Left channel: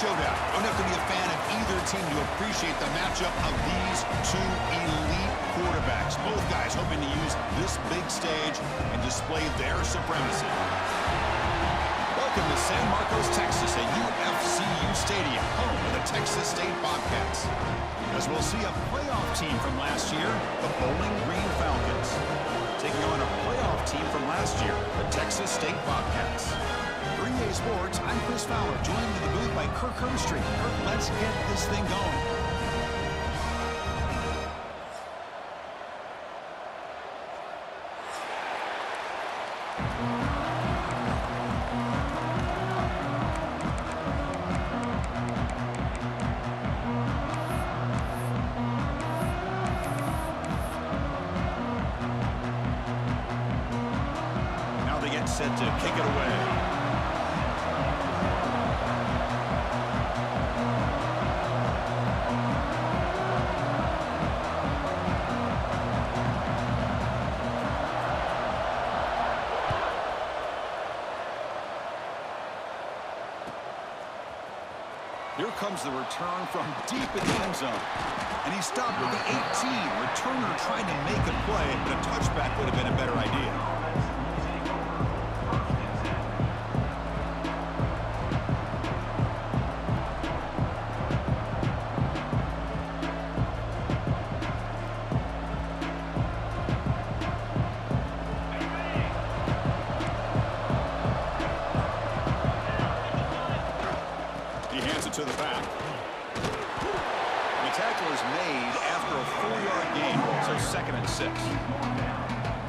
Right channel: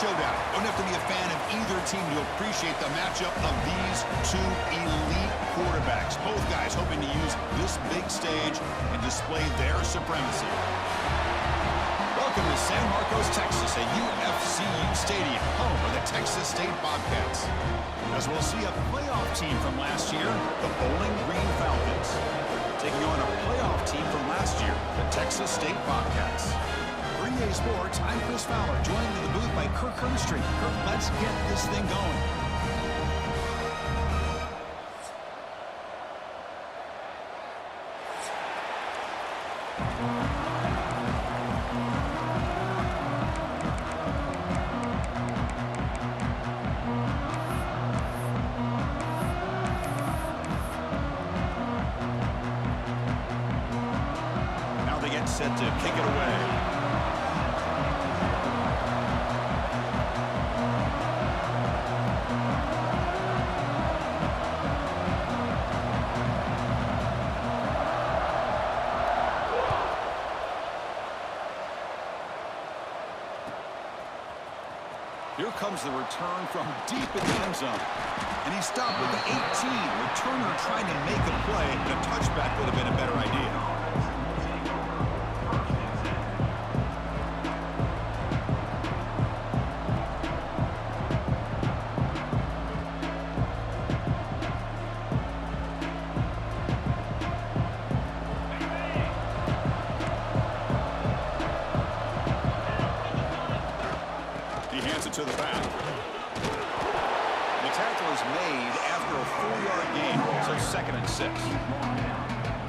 showdown. Don't have to be a fan of either team to appreciate the matchup of these two elite quarterbacks. Both guys hoping to use this big stage and display their supremacy. Welcome to San Marcos, Texas, at UFCU Stadium, home of the Texas State Bobcats. As we'll see a playoff team from last year, the Bowling Green Falcons, taking on a playoff team from last year, the Texas State Bobcats. For EA Sports, I'm Chris Fowler, joined in the booth by Kirk Hermstreet. Kirk, let's get this thing going. Now they get set to kick it away. Here comes the return from deep in the end zone. And he stopped with the 18. Returner trying to make a play, but a touchback would have been a better idea. To the back. The tackle is made after a 4-yard gain, so 2nd and 6.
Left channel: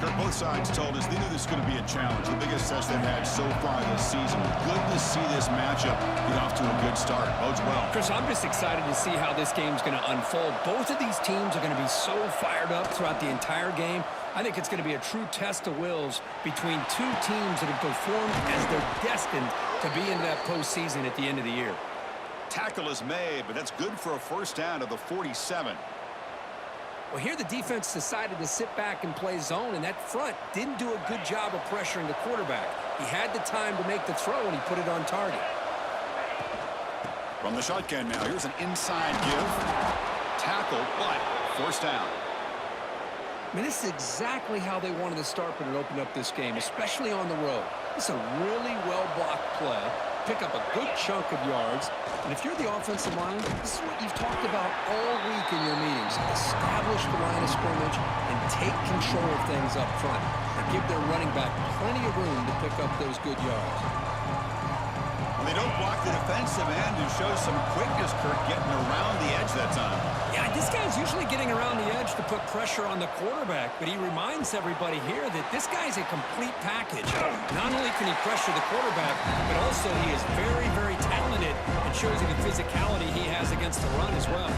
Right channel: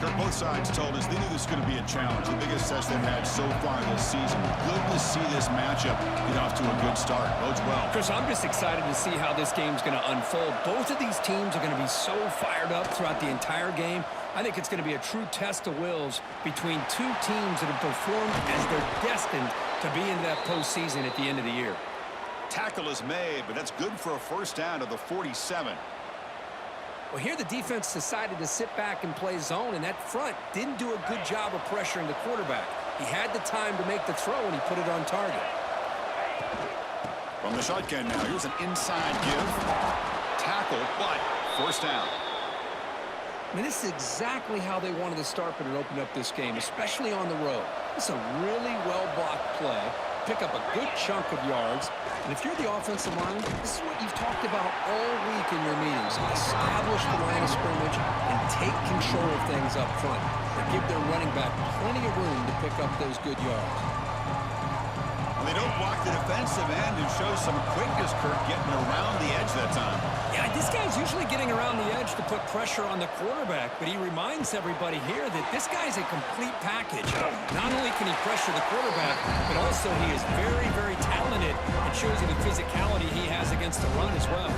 Kirk, both sides told us they knew this was going to be a challenge, the biggest test they've had so far this season. Good to see this matchup get off to a good start. Bodes well. Chris, I'm just excited to see how this game's going to unfold. Both of these teams are going to be so fired up throughout the entire game. I think it's going to be a true test of wills between two teams that have performed as they're destined to be into that postseason at the end of the year. Tackle is made, but that's good for a first down to the 47. Well, here the defense decided to sit back and play zone, and that front didn't do a good job of pressuring the quarterback. He had the time to make the throw, and he put it on target. From the shotgun now, here's an inside give. Tackle, but first down. I mean, this is exactly how they wanted to start when it opened up this game, especially on the road. It's a really well-blocked play. Pick up a good chunk of yards. And if you're the offensive line, this is what you've talked about all week in your meetings. Establish the line of scrimmage and take control of things up front. And give their running back plenty of room to pick up those good yards. Well, they don't block the defensive end and show some quickness, Kirk, getting around the edge that time. Yeah, this guy's usually getting around the edge to put pressure on the quarterback, but he reminds everybody here that this guy's a complete package. Not only can he pressure the quarterback, but also he is very, very talented and shows you the physicality he has against the run as well.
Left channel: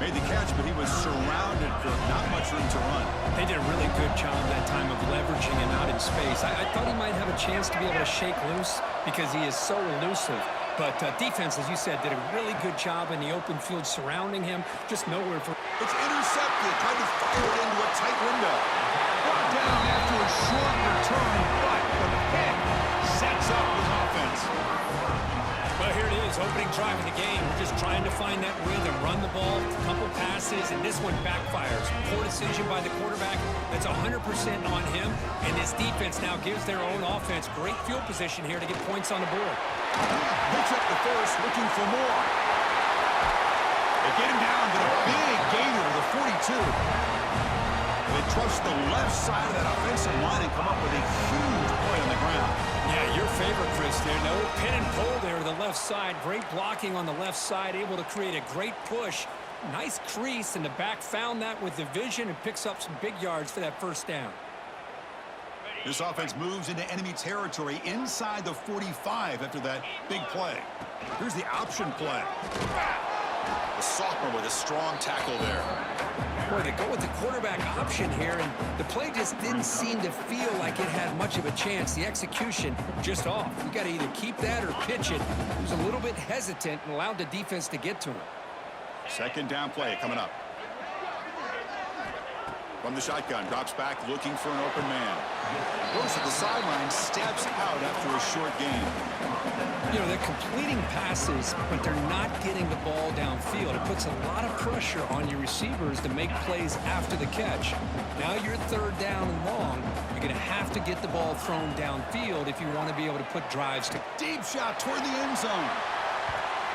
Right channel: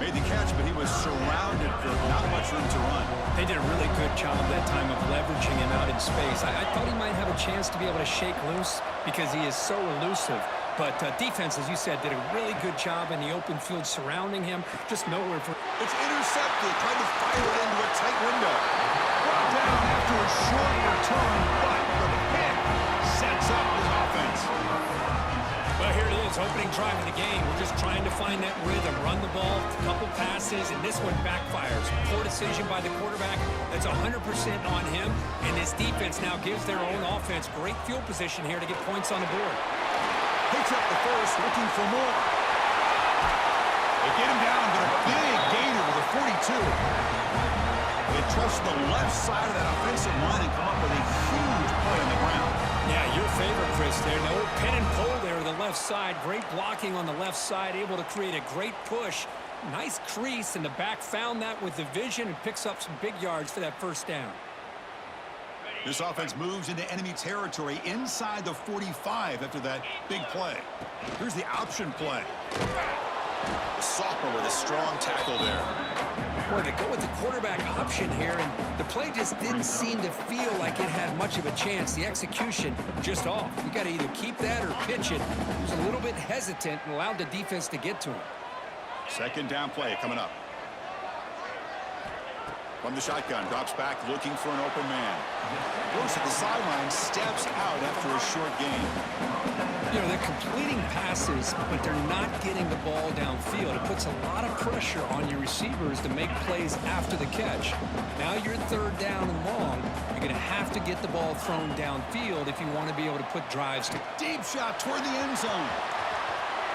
Made the catch, but he was surrounded, Kirk. Not much room to run. They did a really good job that time of leveraging him out in space. I thought he might have a chance to be able to shake loose because he is so elusive. But defense, as you said, did a really good job in the open field surrounding him. Just nowhere for... It's intercepted. Tried to fire it into a tight window. Brought down after a short return, but the pick sets up his offense. Well, here it is, opening drive of the game. We're just trying to find that rhythm, run the ball, a couple passes, and this one backfires. Poor decision by the quarterback. That's 100% on him, and this defense now gives their own offense great field position here to get points on the board. Picks up the first, looking for more. They get him down, but a big gainer to the 42. They trust the left side of that offensive line and come up with a huge play on the ground. Yeah, your favorite, Chris, there. No pin and pull there to the left side. Great blocking on the left side, able to create a great push. Nice crease, and the back found that with the vision and picks up some big yards for that first down. This offense moves into enemy territory inside the 45 after that big play. Here's the option play. The sophomore with a strong tackle there. Boy, they go with the quarterback option here, and the play just didn't seem to feel like it had much of a chance. The execution just off. You got to either keep that or pitch it. He was a little bit hesitant and allowed the defense to get to him. Second down play coming up. From the shotgun, drops back, looking for an open man. Goes to the sideline, steps out after a short gain. You know, they're completing passes, but they're not getting the ball downfield. It puts a lot of pressure on your receivers to make plays after the catch. Now you're third down and long. You're going to have to get the ball thrown downfield if you want to be able to put drives to. Deep shot toward the end zone.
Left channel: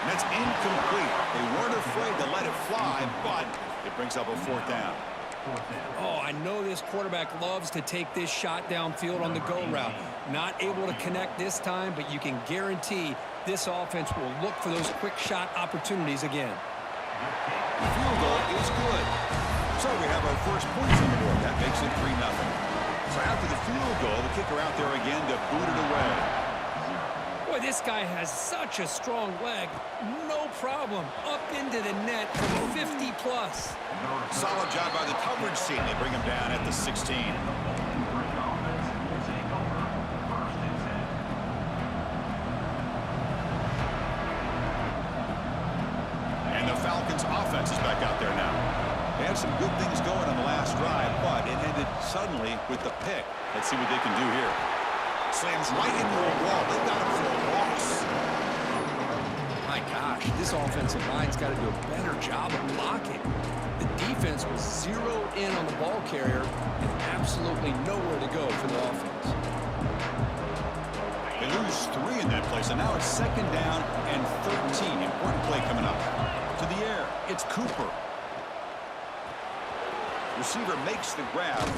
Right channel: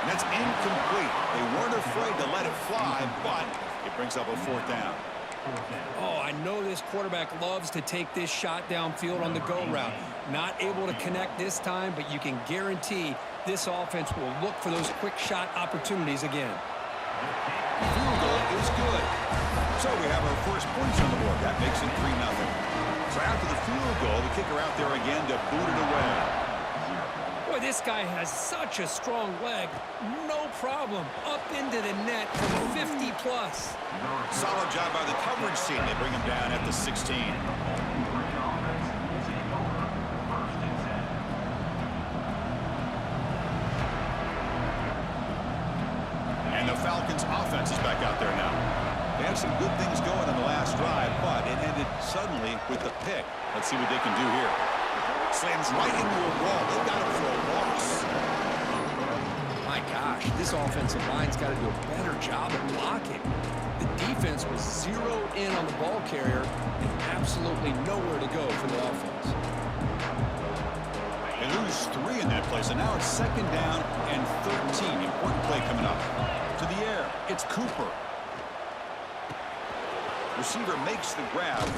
And that's incomplete. They weren't afraid to let it fly, but it brings up a fourth down. Oh, I know this quarterback loves to take this shot downfield on the go route. Not able to connect this time, but you can guarantee this offense will look for those quick shot opportunities again. The field goal is good. So we have our first points on the board. That makes it 3-0. So after the field goal, the kicker out there again to boot it away. Boy, this guy has such a strong leg. No problem. Up into the net from 50-plus. Solid job by the coverage team. They bring him down at the 16. And the Falcons offense is back out there now. They had some good things going on the last drive, but it ended suddenly with the pick. Let's see what they can do here. Slams right into a wall. They got him for a loss. My gosh, this offensive line's got to do a better job of blocking. The defense was zeroed in on the ball carrier and absolutely nowhere to go for the offense. They lose 3 in that play, so now it's second down and 13. Important play coming up. To the air, it's Cooper. Receiver makes the grab.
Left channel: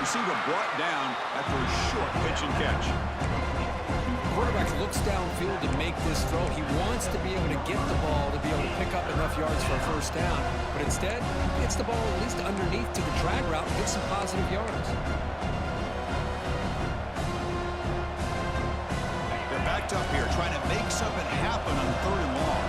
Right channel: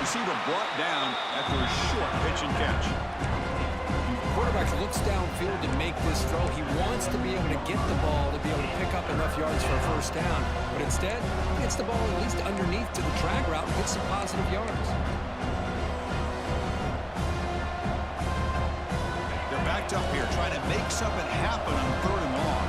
Receiver brought down after a short pitch and catch. Quarterback looks downfield to make this throw. He wants to be able to get the ball to be able to pick up enough yards for a first down, but instead gets the ball at least underneath to the drag route and gets some positive yards. They're backed up here trying to make something happen on 3rd and long.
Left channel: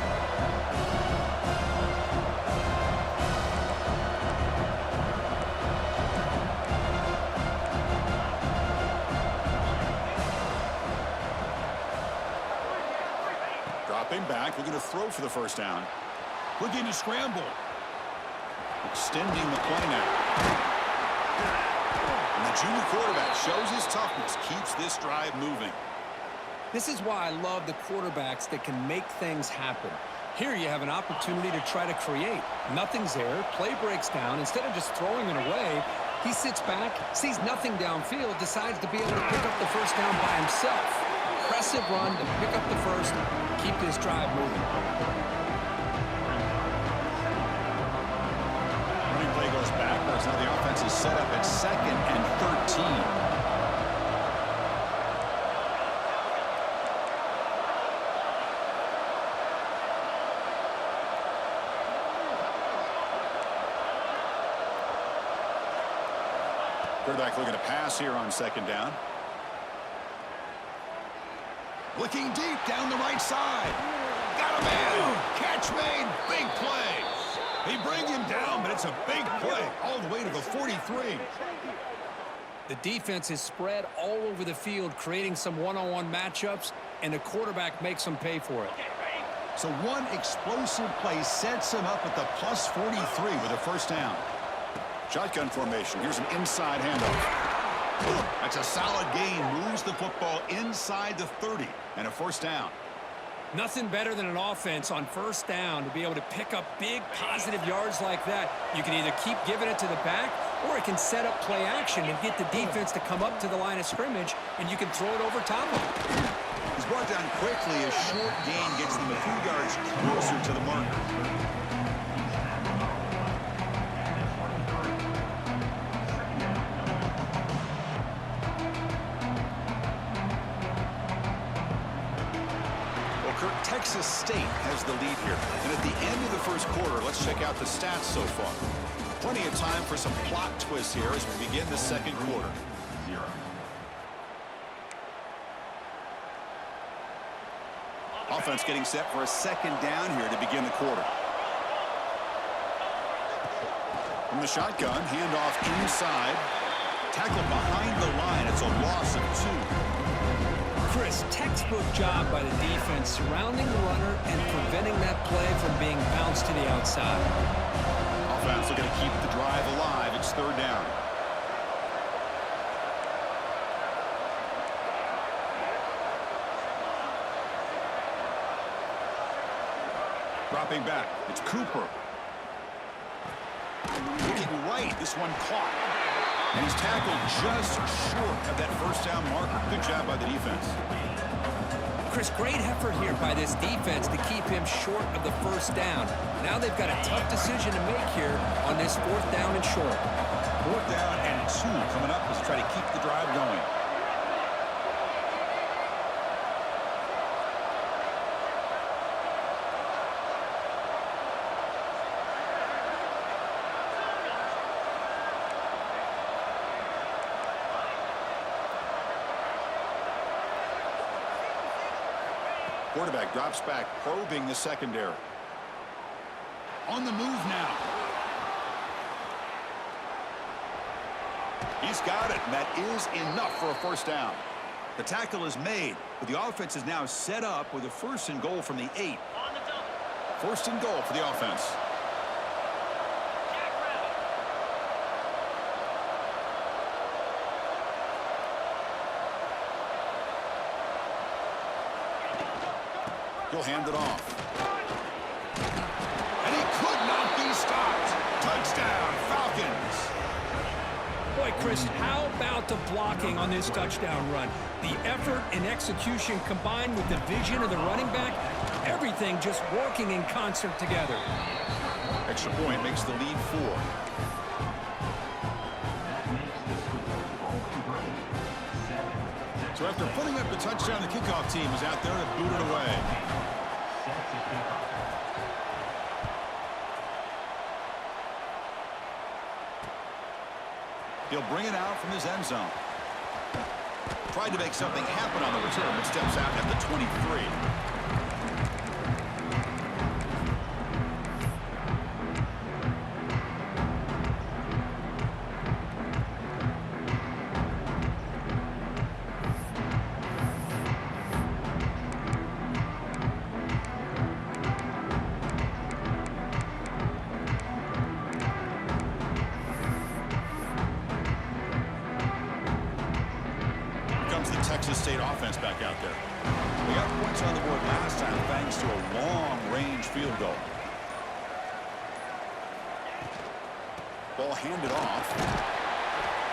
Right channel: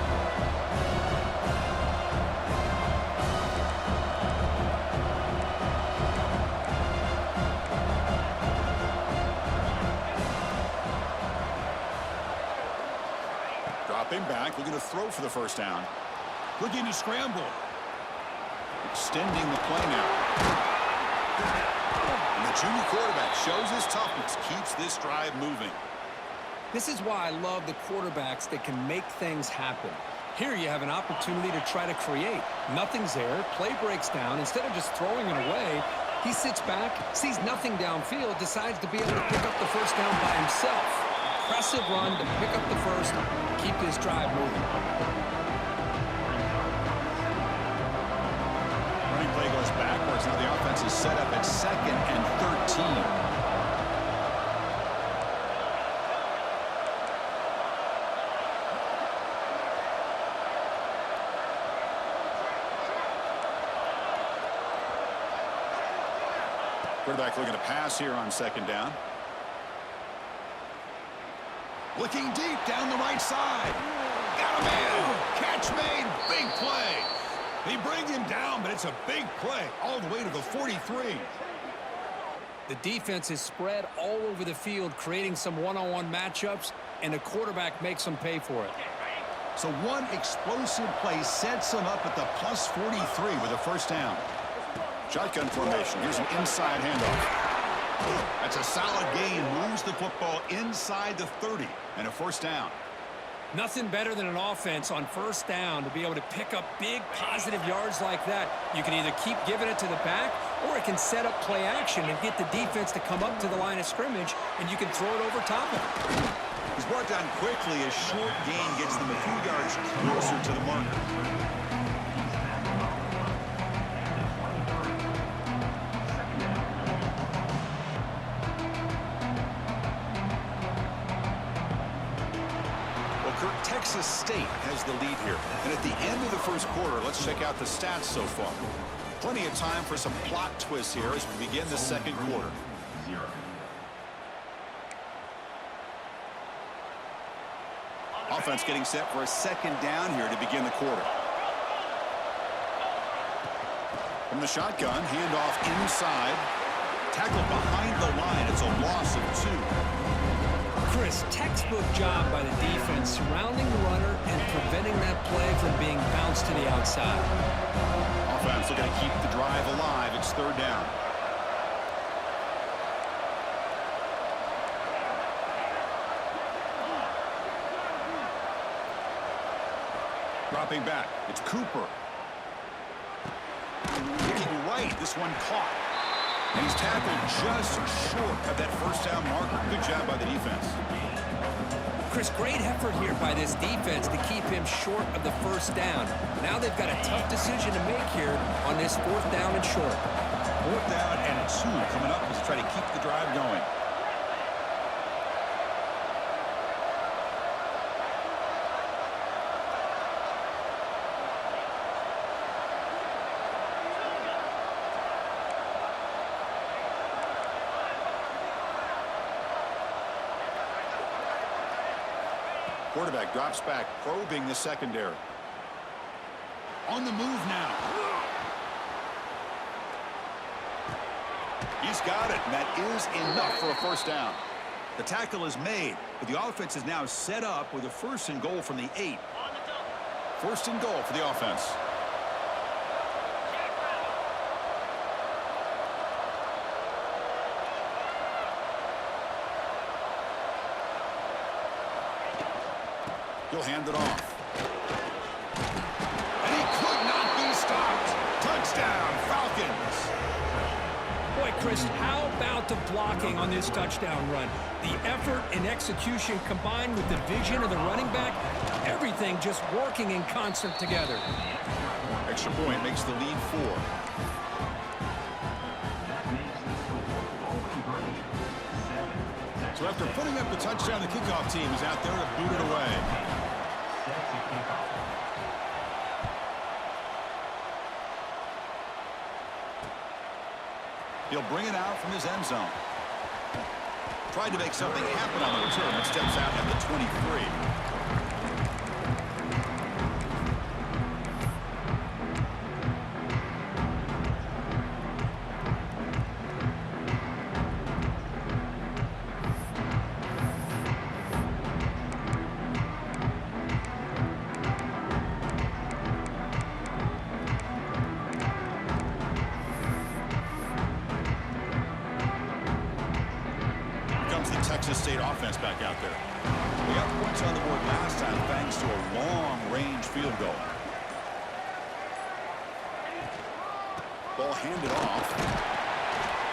Dropping back, looking to throw for the first down. Looking to scramble. Extending the play now. And the junior quarterback shows his toughness, keeps this drive moving. This is why I love the quarterbacks that can make things happen. Here you have an opportunity to try to create. Nothing's there. Play breaks down. Instead of just throwing it away, he sits back, sees nothing downfield, decides to be able to pick up the first down by himself. Impressive run to pick up the first, keep this drive moving. Running play goes backwards. Now the offense is set up at 2nd and 13. Quarterback looking to pass here on 2nd down. Looking deep down the right side. Got him in. Catch made. Big play. They bring him down, but it's a big play all the way to the 43. The defense is spread all over the field, creating some one-on-one matchups, and the quarterback makes them pay for it. So one explosive play sets him up at the plus 43 with a first down. Shotgun formation. Here's an inside handoff. That's a solid gain. Moves the football inside the 30 and a first down. Nothing better than an offense on first down to be able to pick up big positive yards like that. You can either keep giving it to the back, or it can set up play action and get the defense to come up to the line of scrimmage, and you can throw it over top of it. He's brought down quickly. A short gain gets them a few yards closer to the marker. Texas State has the lead here. And at the end of the first quarter, let's check out the stats so far. Plenty of time for some plot twists here as we begin the second quarter. Offense getting set for a second down here to begin the quarter. From the shotgun, handoff inside. Tackle behind the line. It's a loss of 2. Chris, textbook job by the defense surrounding the runner and preventing that play from being bounced to the outside. Offense looking to keep the drive alive. It's 3rd down. Dropping back. It's Cooper. Looking right. This one caught. And he's tackled just short of that first down marker. Good job by the defense. Chris, great effort here by this defense to keep him short of the first down. Now they've got a tough decision to make here on this 4th down and short. 4th down and 2 coming up as they try to keep the drive going. Quarterback drops back, probing the secondary. On the move now. He's got it, and that is enough for a first down. The tackle is made, but the offense is now set up with a 1st and goal from the 8. 1st and goal for the offense. He'll hand it off. And he could not be stopped. Touchdown, Falcons. Boy, Chris, how about the blocking on this touchdown run? The effort and execution combined with the vision of the running back, everything just working in concert together. Extra point makes the lead 4. So after putting up the touchdown, the kickoff team is out there to boot it away. He'll bring it out from his end zone. Tried to make something happen on the return, but steps out at the 23. Texas State offense back out there. They got points on the board last time thanks to a long-range field goal. Ball handed off.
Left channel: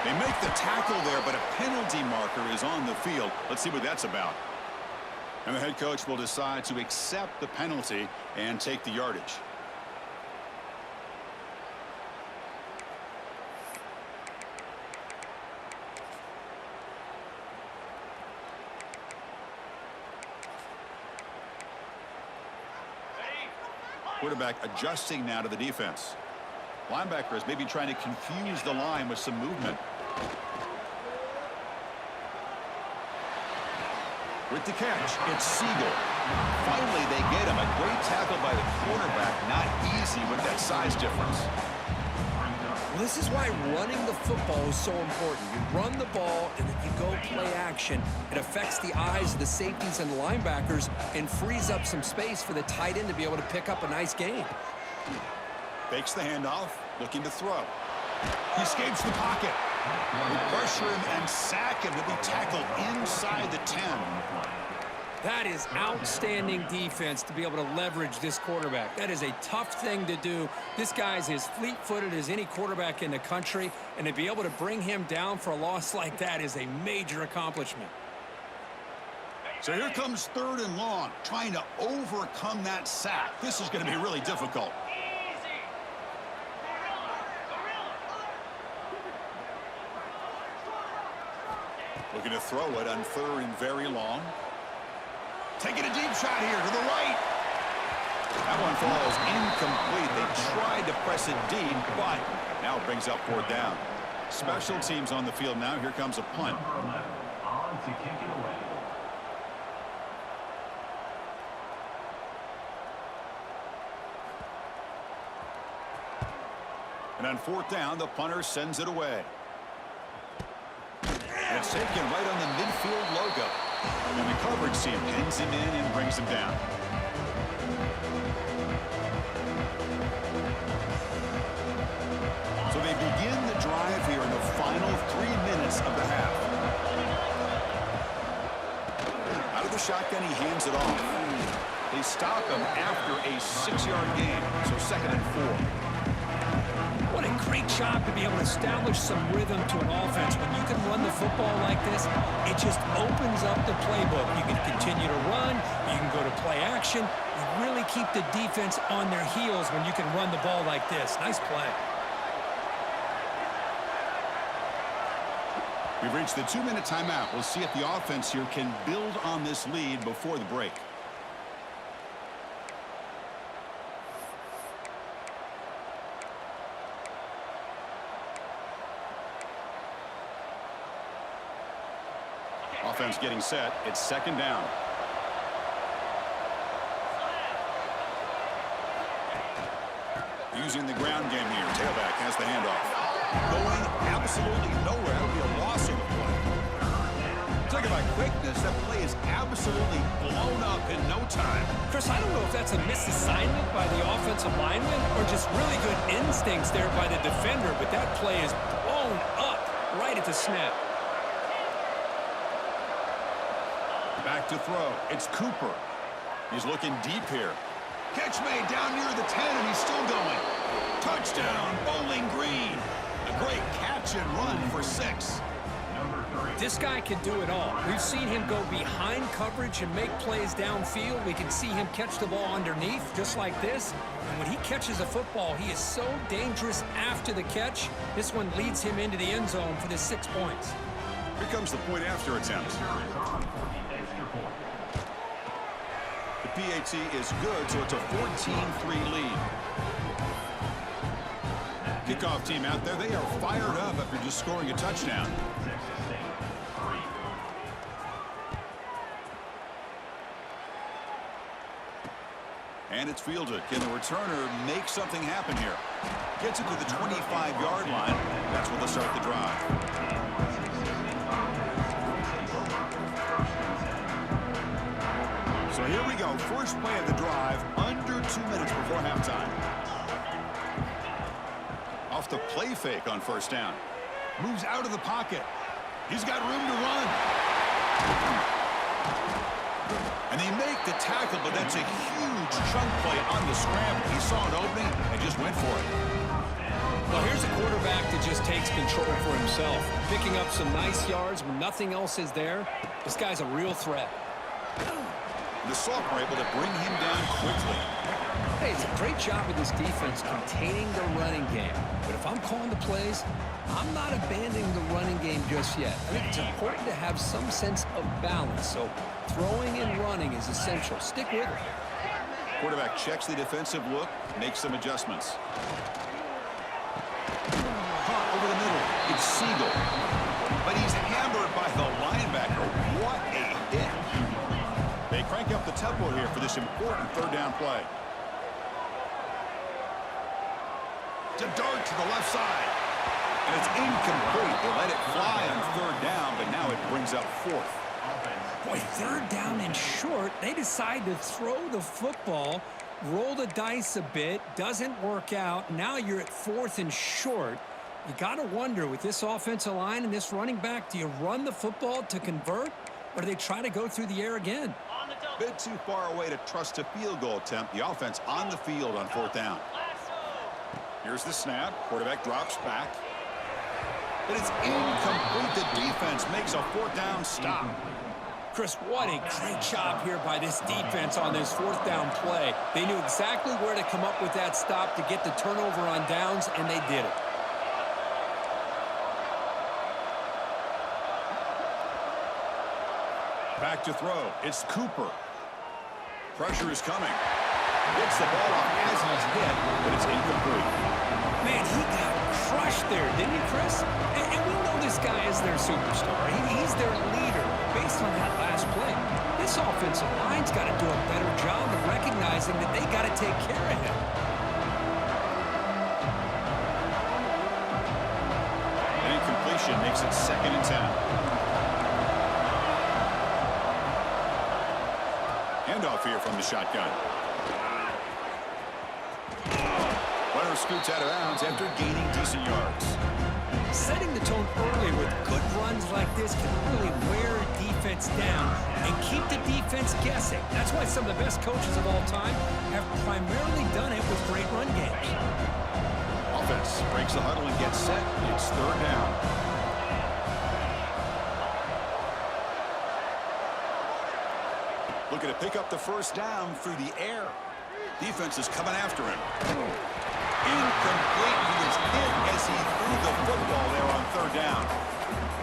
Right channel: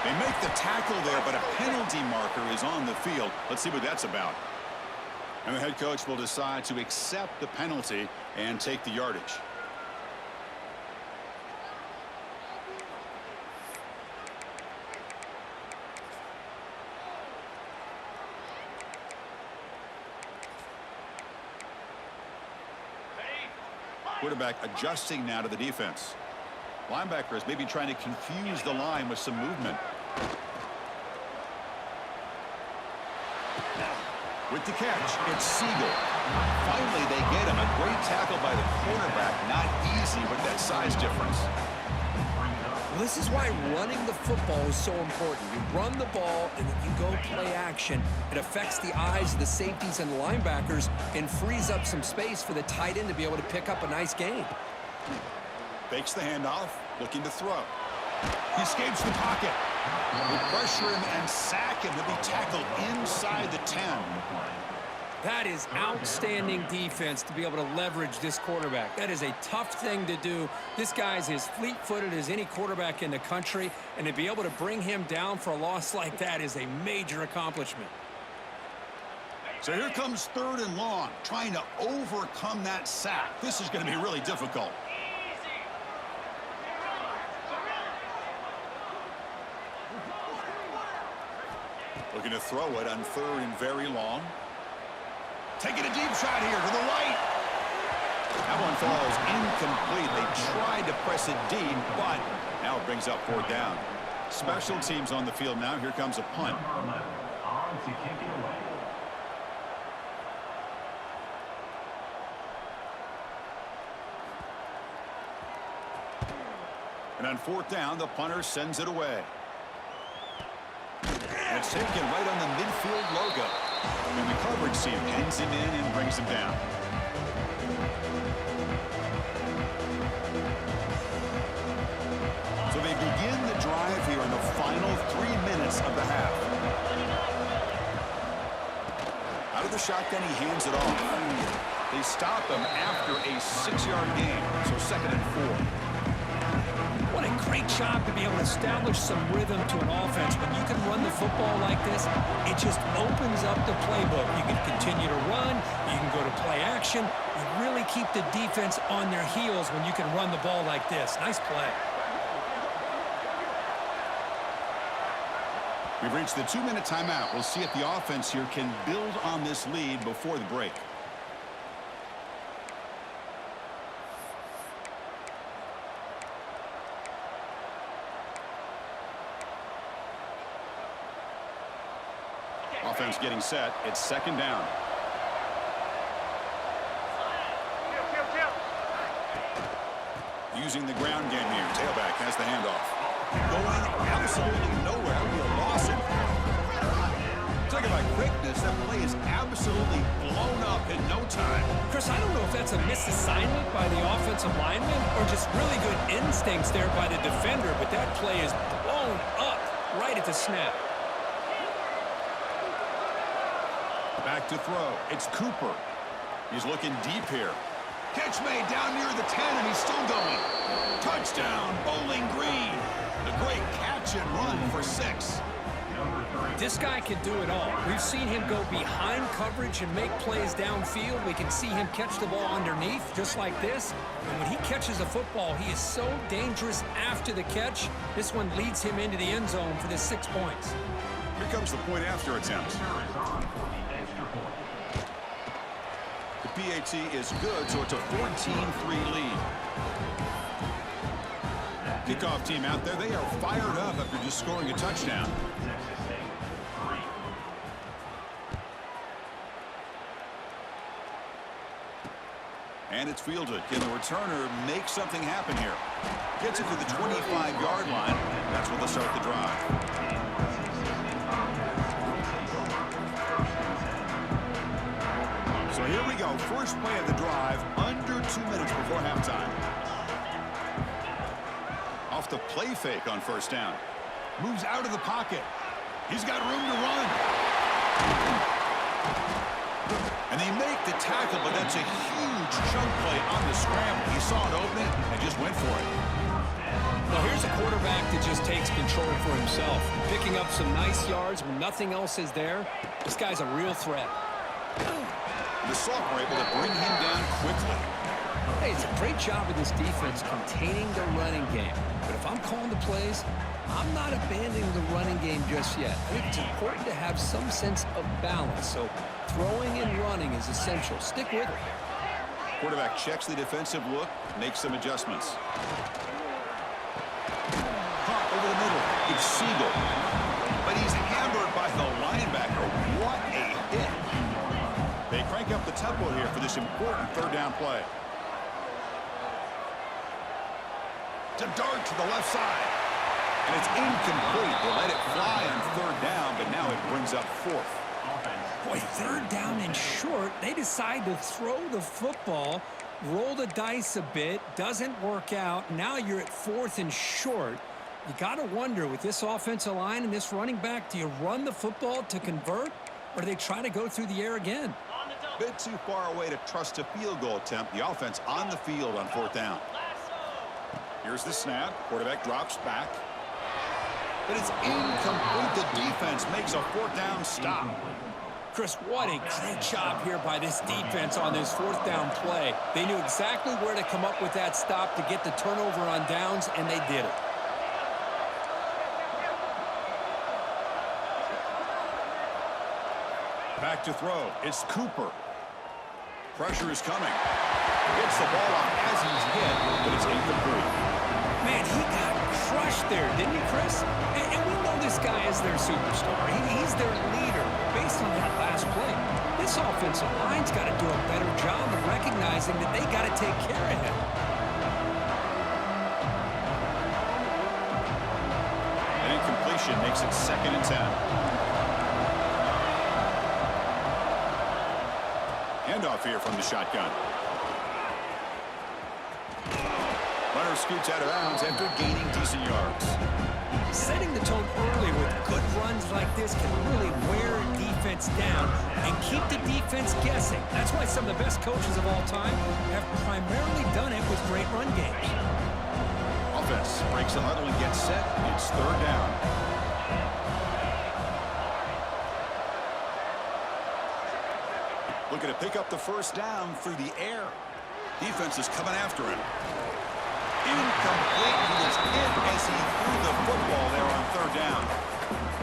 They make the tackle there, but a penalty marker is on the field. Let's see what that's about. And the head coach will decide to accept the penalty and take the yardage. Quarterback adjusting now to the defense. Linebacker is maybe trying to confuse the line with some movement. With the catch, it's Siegel. Finally, they get him. A great tackle by the quarterback. Not easy with that size difference. Well, this is why running the football is so important. You run the ball, and then you go play action. It affects the eyes of the safeties and the linebackers and frees up some space for the tight end to be able to pick up a nice gain. Fakes the handoff, looking to throw. He escapes the pocket. They pressure him and sack him. He'll be tackled inside the 10. That is outstanding defense to be able to leverage this quarterback. That is a tough thing to do. This guy's as fleet-footed as any quarterback in the country, and to be able to bring him down for a loss like that is a major accomplishment. So here comes 3rd and long, trying to overcome that sack. This is going to be really difficult. Looking to throw it on 3rd and very long. Taking a deep shot here to the right. That one falls incomplete. They tried to press it deep, but now it brings up 4th down. Special teams on the field now. Here comes a punt. On to kick it away. And on 4th down, the punter sends it away. And it's taken right on the midfield logo. And the coverage team pins him in and brings him down. So they begin the drive here in the final 3 minutes of the half. Out of the shotgun, he hands it off. They stop him after a 6-yard gain, so 2nd and 4. What a great job to be able to establish some rhythm to an offense. When you can run the football like this, it just opens up the playbook. You can continue to run. You can go to play action. You really keep the defense on their heels when you can run the ball like this. Nice play. We've reached the 2-minute timeout. We'll see if the offense here can build on this lead before the break. Offense getting set. It's 2nd down. Using the ground game here. Tailback has the handoff. Going absolutely nowhere. That would be a loss in play. Talking about quickness, that play is absolutely blown up in no time. Chris, I don't know if that's a misassignment by the offensive lineman or just really good instincts there by the defender, but that play is blown up right at the snap. Back to throw. It's Cooper. He's looking deep here. Catch made down near the 10, and he's still going. Touchdown, Bowling Green. A great catch and run for 6. This guy can do it all. We've seen him go behind coverage and make plays downfield. We can see him catch the ball underneath, just like this. And when he catches a football, he is so dangerous after the catch. This one leads him into the end zone for the 6 points. Here comes the point after attempt. The PAT is good, so it's a 14-3 lead. Kickoff team out there, they are fired up after just scoring a touchdown. And it's fielded. Can the returner make something happen here? Gets it to the 25-yard line. That's where they'll start the drive. So here we go. First play of the drive, under 2 minutes before halftime. Off the play fake on 1st down. Moves out of the pocket. He's got room to run. And they make the tackle, but that's a huge chunk play on the scramble. He saw an opening and just went for it. Well, here's a quarterback that just takes control for himself. Picking up some nice yards when nothing else is there. This guy's a real threat. The sophomore able to bring him down quickly. Hey, it's a great job of this defense containing the running game. But if I'm calling the plays, I'm not abandoning the running game just yet. I think it's important to have some sense of balance. So throwing and running is essential. Stick with it. Quarterback checks the defensive look, makes some adjustments. Caught over the middle. It's Siegel. But he's hammered by the linebacker. What a hit. They crank up the tempo here for this important 3rd down play. To dart to the left side. And it's incomplete. They let it fly on 3rd down, but now it brings up 4th. Boy, 3rd down and short. They decide to throw the football, roll the dice a bit, doesn't work out. Now you're at 4th and short. You got to wonder, with this offensive line and this running back, do you run the football to convert, or do they try to go through the air again? A bit too far away to trust a field goal attempt. The offense on the field on 4th down. Here's the snap. Quarterback drops back. But it's incomplete. The defense makes a 4th down stop. Chris, what a great job here by this defense on this 4th down play. They knew exactly where to come up with that stop to get the turnover on downs, and they did it. Back to throw. It's Cooper. Pressure is coming. Gets the ball off as he's hit, but it's incomplete. Man, he got crushed there, didn't he, Chris? And we know this guy is their superstar. He's their leader. Based on that last play, this offensive line's got to do a better job of recognizing that they got to take care of him. An incompletion makes it 2nd and 10. Handoff here from the shotgun. Runner scoots out of bounds after gaining decent yards. Setting the tone early with good runs like this can really wear a defense down and keep the defense guessing. That's why some of the best coaches of all time have primarily done it with great run games. Offense breaks the huddle and gets set. It's third down. Looking to pick up the first down through the air. Defense is coming after him. Incomplete. He was hit as he threw the football there on third down.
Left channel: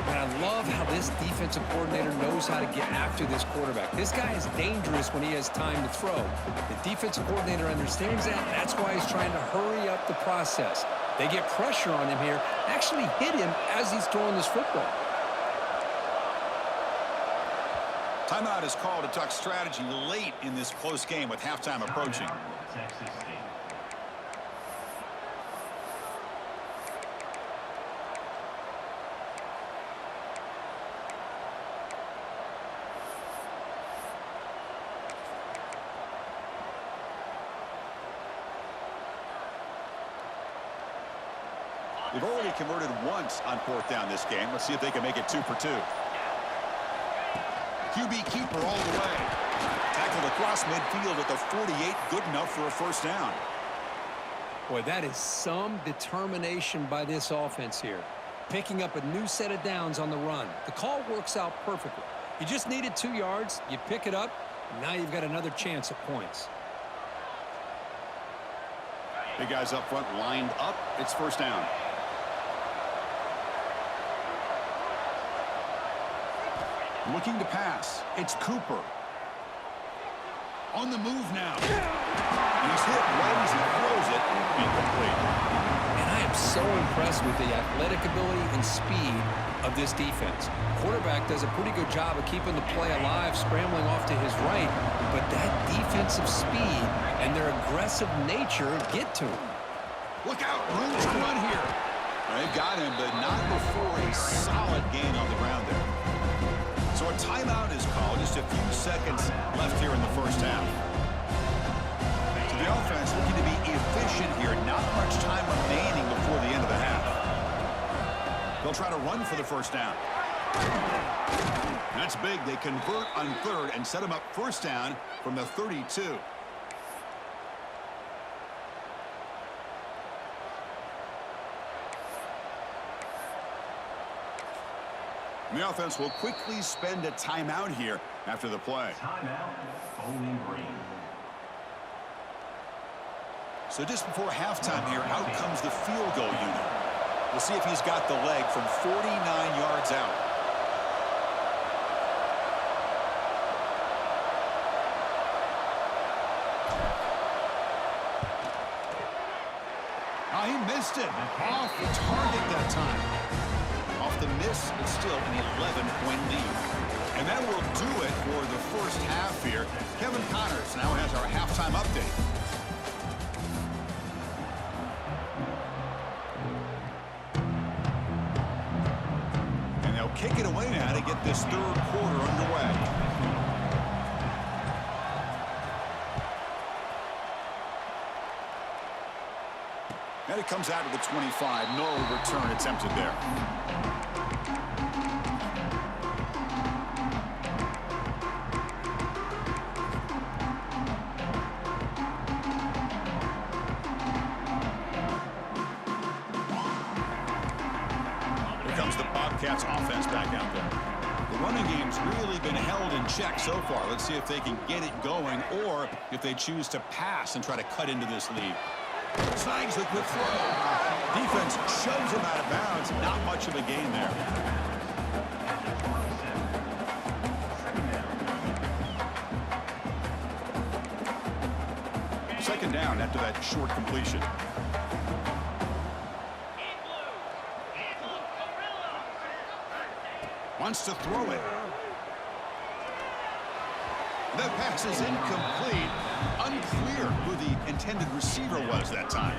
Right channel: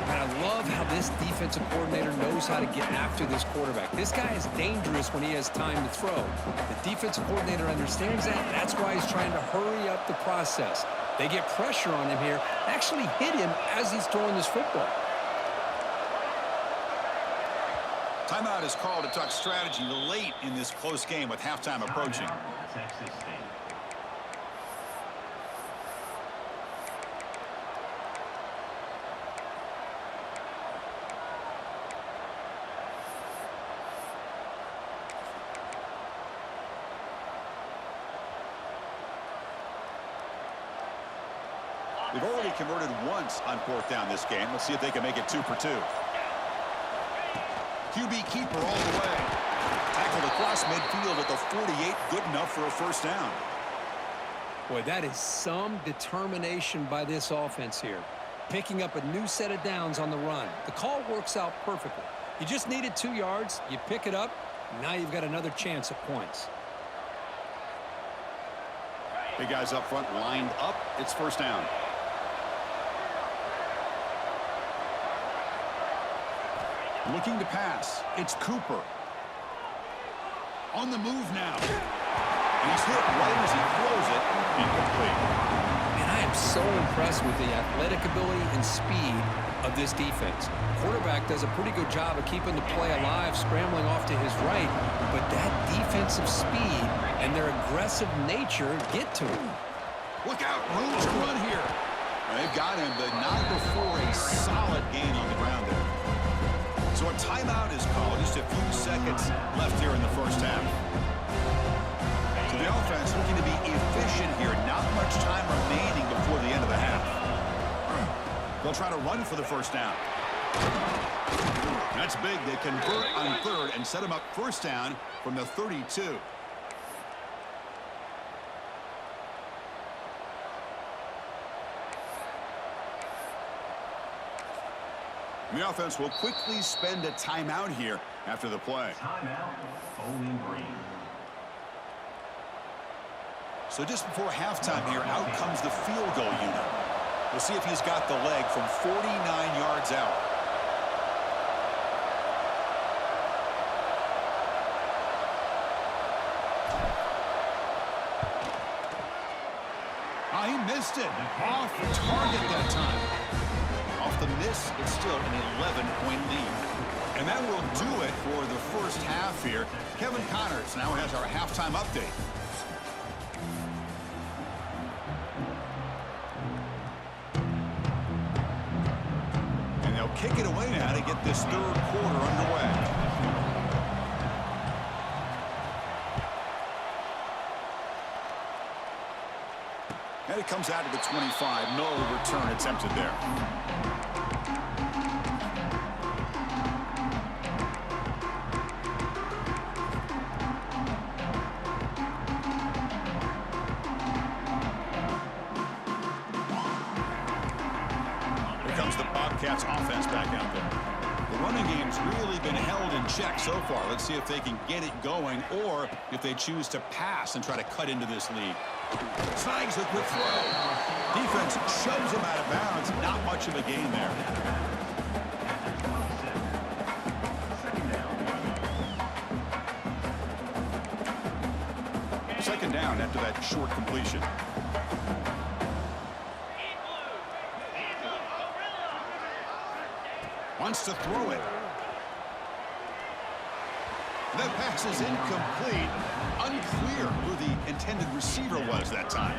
And I love how this defensive coordinator knows how to get after this quarterback. This guy is dangerous when he has time to throw. The defensive coordinator understands that. That's why he's trying to hurry up the process. They get pressure on him here, actually hit him as he's throwing this football. Timeout is called to talk strategy late in this close game with halftime approaching. Texas State. They've already converted once on fourth down this game. Let's see if they can make it 2 for 2. QB keeper all the way. Tackled across midfield at the 48. Good enough for a first down. Boy, that is some determination by this offense here. Picking up a new set of downs on the run. The call works out perfectly. You just needed 2 yards. You pick it up. Now you've got another chance at points. Big guys up front lined up. It's first down. Looking to pass. It's Cooper. On the move now. And he's hit right as he throws it. Incomplete. And I am so impressed with the athletic ability and speed of this defense. Quarterback does a pretty good job of keeping the play alive, scrambling off to his right. But that defensive speed and their aggressive nature get to him. Look out. Room to run here. They've got him, but not before a solid gain on the ground there. So a timeout is called. Just a few seconds left here in the first half. So the offense looking to be efficient here. Not much time remaining before the end of the half. They'll try to run for the first down. That's big. They convert on third and set them up first down from the 32. The offense will quickly spend a timeout here after the play. Timeout, Bowling Green. So just before halftime here, out comes the field goal unit. We'll see if he's got the leg from 49 yards out. He missed it. Off target that time. Off the miss, it's still an 11-point lead. And that will do it for the first half here. Kevin Connors now has our halftime update. And they'll kick it away now to get this third quarter underway. And it comes out to the 25. No return attempted there. Here comes the Bobcats offense back out there. The running game's really been held in check so far. Let's see if they can get it going or if they choose to pass and try to cut into this lead. Snags the quick throw. Defense shoves him out of bounds. Not much of a gain there. Second down after that short completion. Wants to throw it. That pass is incomplete. Unclear who the intended receiver was that time.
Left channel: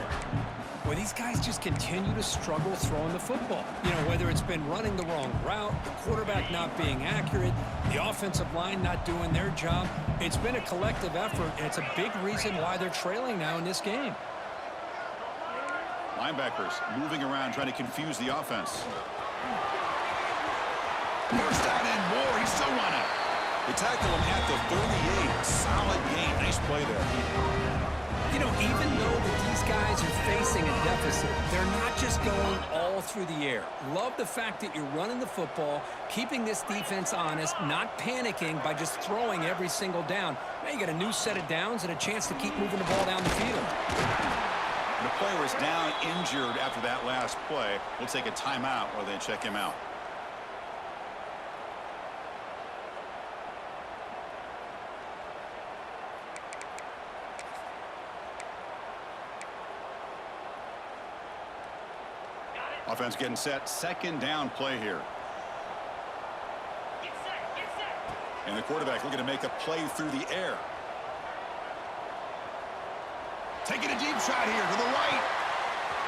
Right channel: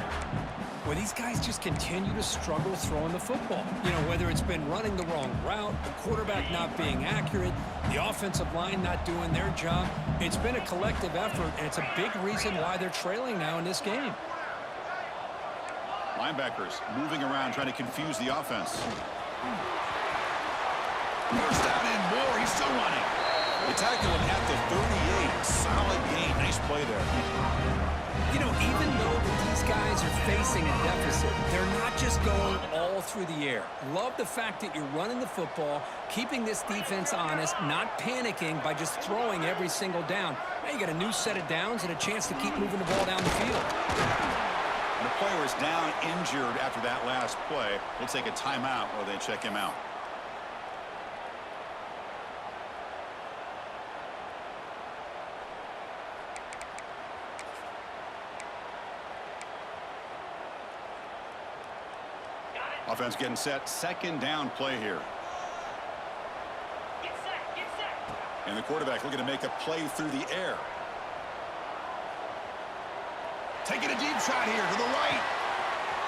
Well, these guys just continue to struggle throwing the football. You know, whether it's been running the wrong route, the quarterback not being accurate, the offensive line not doing their job. It's been a collective effort, and it's a big reason why they're trailing now in this game. Linebackers moving around, trying to confuse the offense. First down and more. He's still running. They tackle him at the 38. Solid gain. Nice play there. You know, even though that these guys are facing a deficit, they're not just going all through the air. Love the fact that you're running the football, keeping this defense honest, not panicking by just throwing every single down. Now you got a new set of downs and a chance to keep moving the ball down the field. And the player is down injured after that last play. We'll take a timeout while they check him out. Offense getting set. Second down play here. Get set, get set. And the quarterback looking to make a play through the air. Taking a deep shot here to the right.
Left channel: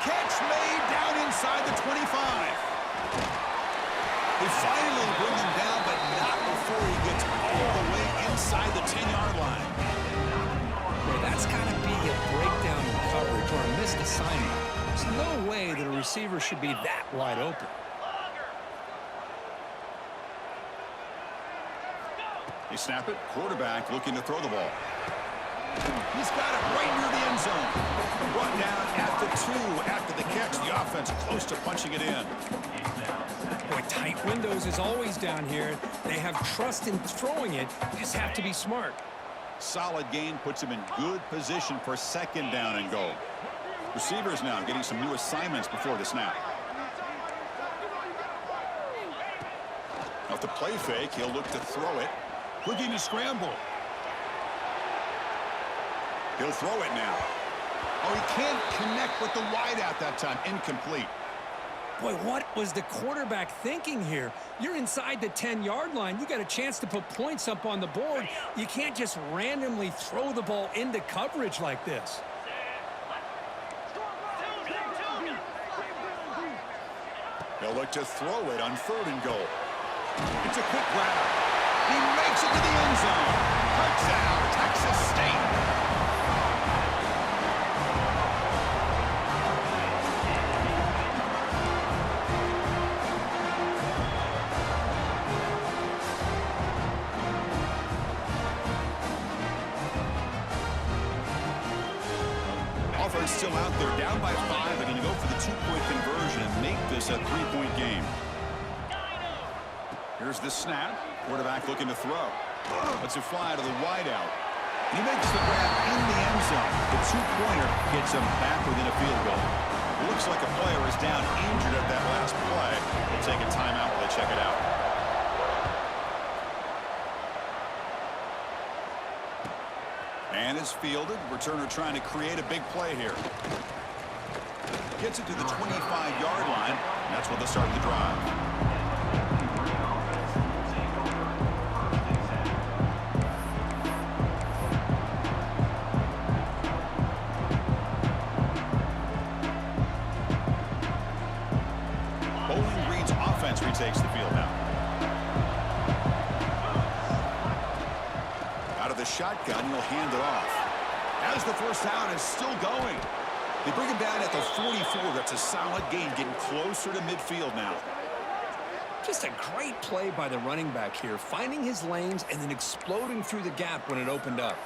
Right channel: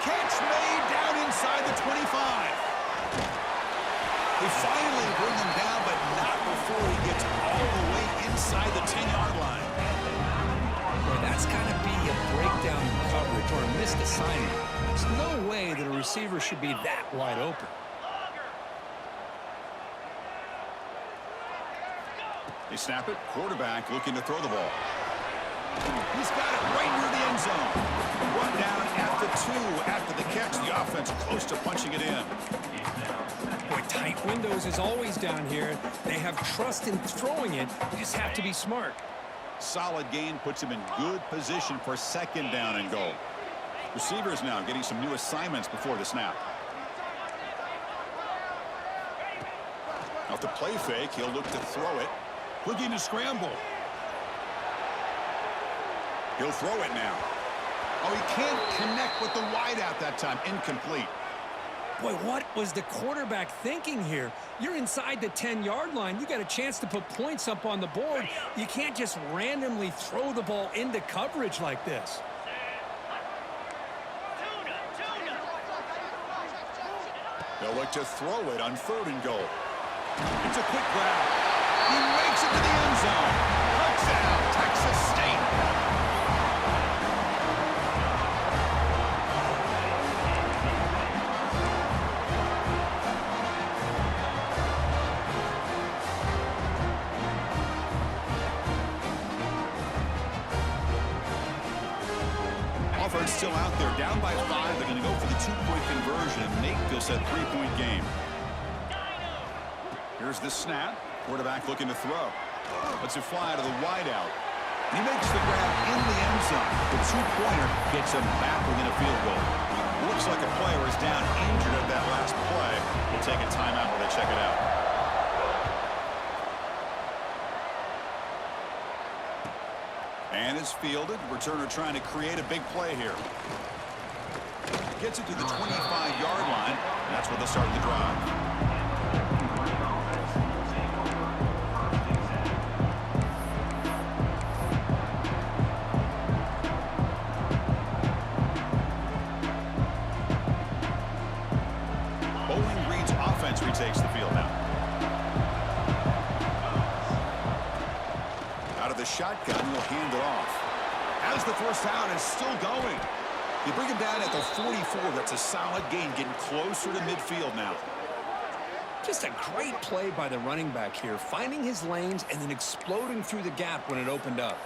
Catch made down inside the 25. They finally bring him down, but not before he gets all the way inside the 10-yard line. Boy, that's got to be a breakdown in coverage or a missed assignment. There's no way that a receiver should be that wide open. They snap it. Quarterback looking to throw the ball. He's got it right near the end zone. Run down at the 2 after the catch. The offense close to punching it in. Boy, tight windows is always down here. They have trust in throwing it. You just have to be smart. Solid gain puts him in good position for second down and goal. Receivers now getting some new assignments before the snap. Off the play fake, he'll look to throw it. Looking to scramble. He'll throw it now. Oh, he can't connect with the wideout that time. Incomplete. Boy, what was the quarterback thinking here? You're inside the 10-yard line. You got a chance to put points up on the board. You can't just randomly throw the ball into coverage like this. They'll look to throw it on 3rd and goal. It's a quick grab. He makes it to the end zone. Touchdown, Texas State. Offense still out there, down by 5. They're going to go for the 2-point conversion and make this a 3-point game. Here's the snap. Quarterback looking to throw. Lets it fly to the wideout. And he makes the grab in the end zone. The 2-pointer gets him back within a field goal. Looks like a player is down injured at that last play. We'll take a timeout while they check it out. And is fielded. Returner trying to create a big play here. Gets it to the 25-yard line. And that's where they'll start the drive. Bowling Green's offense retakes the field now. Out of the shotgun, he'll hand it off. Has the first down and still going. They bring him down at the 44. That's a solid gain, getting closer to midfield now. Just a great play by the running back here, finding his lanes and then exploding through the gap when it opened up.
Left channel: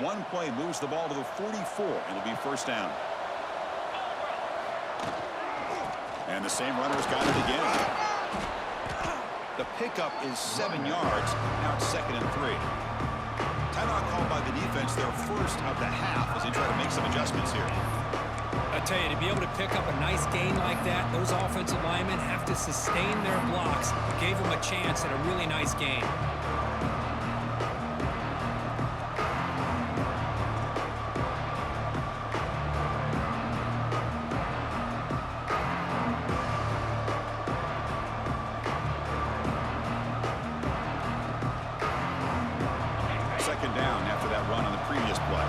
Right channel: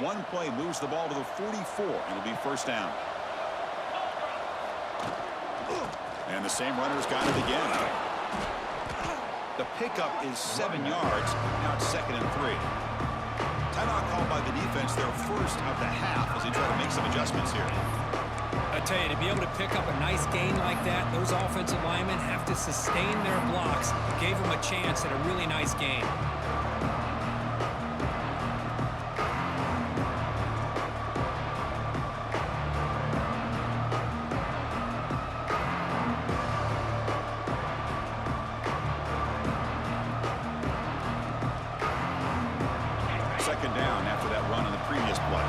One play moves the ball to the 44. It'll be first down. And the same runner's got it again. The pickup is 7 yards. Now it's 2nd and 3. Timeout called by the defense, their first of the half, as they try to make some adjustments here. I tell you, to be able to pick up a nice gain like that, those offensive linemen have to sustain their blocks. Gave them a chance at a really nice gain. Second down after that run on the previous play.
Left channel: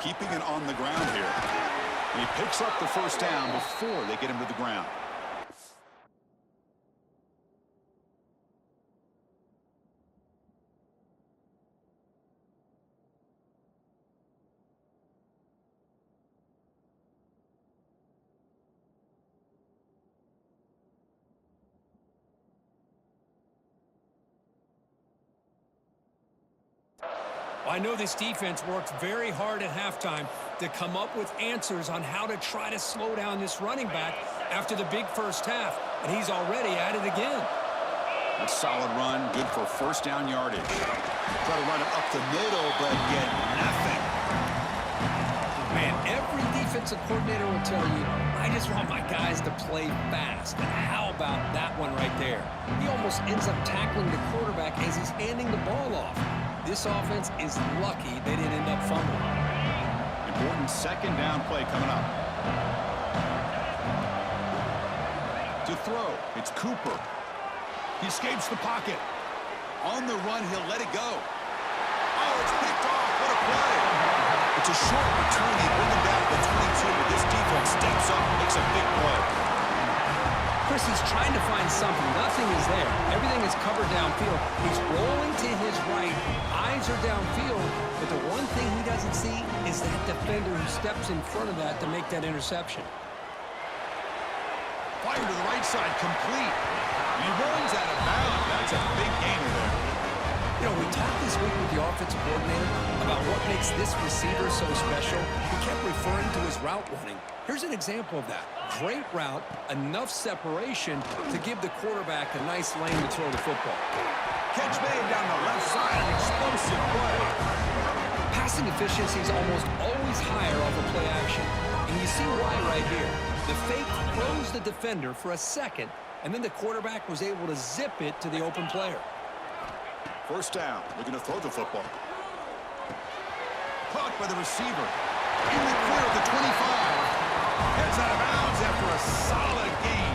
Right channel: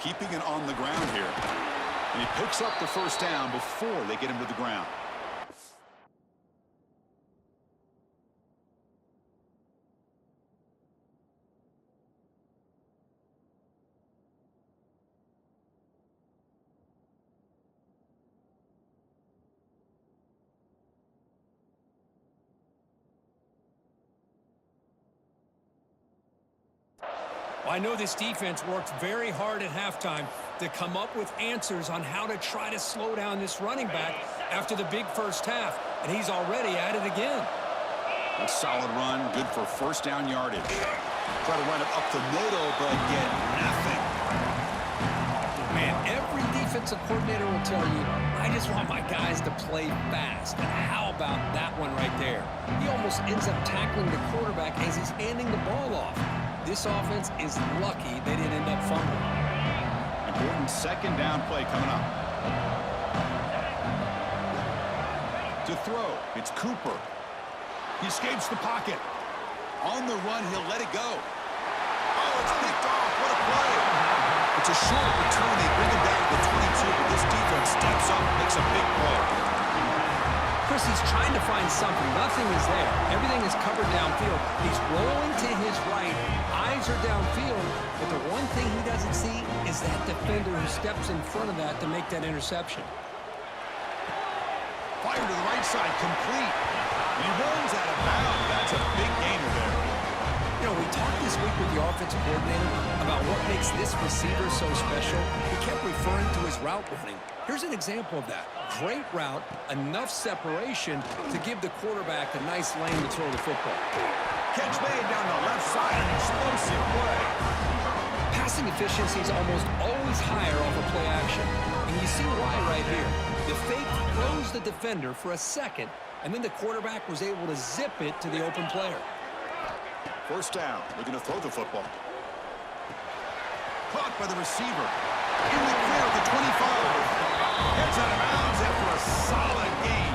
Keeping it on the ground here. And he picks up the first down before they get him to the ground. Well, I know this defense worked very hard at halftime to come up with answers on how to try to slow down this running back after the big first half, and he's already at it again. A solid run, good for first down yardage. Try to run it up the middle, but get nothing. Man, every defensive coordinator will tell you, I just want my guys to play fast. And how about that one right there? He almost ends up tackling the quarterback as he's handing the ball off. This offense is lucky they didn't end up fumbling. Important second down play coming up. To throw, it's Cooper. He escapes the pocket. On the run, he'll let it go. Oh, it's picked off. What a play. It's a short return. They bring him down to the 22, but this defense steps up, makes a big play. Chris, he's trying to find something. Nothing is there. Everything is covered downfield. He's rolling to his right. Eyes are downfield. But the one thing he doesn't see is that defender who steps in front of that to make that interception. Fire to the right side, complete. And he runs out of bounds. That's a big gainer there. You know, we talked this week with the offensive coordinator about what makes this receiver so special. He kept referring to his route running. Here's an example of that. Great route, enough separation to give the quarterback a nice lane to throw the football. Catch made down the left side, an explosive play. Passing efficiency is almost always higher off of play action. And you see why right here. The fake froze the defender for a second, and then the quarterback was able to zip it to the open player. First down, looking to throw the football. Caught by the receiver. In the clear at the 25. Heads out of bounds after a solid gain.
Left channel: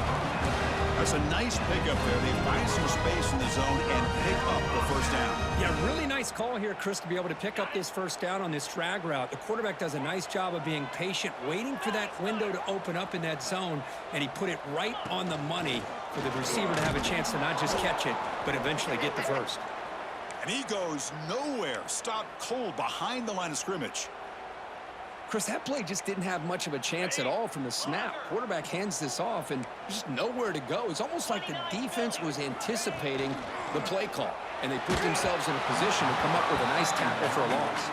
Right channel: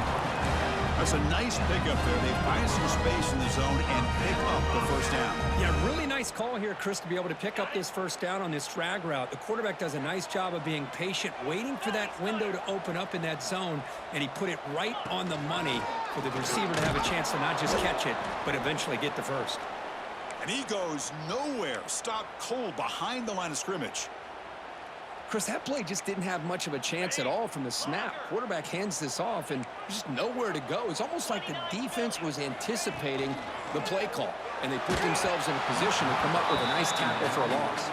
That's a nice pickup there. They find some space in the zone and pick up the first down. Yeah, really nice call here, Chris, to be able to pick up this first down on this drag route. The quarterback does a nice job of being patient, waiting for that window to open up in that zone, and he put it right on the money for the receiver to have a chance to not just catch it, but eventually get the first. And he goes nowhere. Stopped cold behind the line of scrimmage. Chris, that play just didn't have much of a chance at all from the snap. Quarterback hands this off, and there's just nowhere to go. It's almost like the defense was anticipating the play call, and they put themselves in a position to come up with a nice tackle for a loss.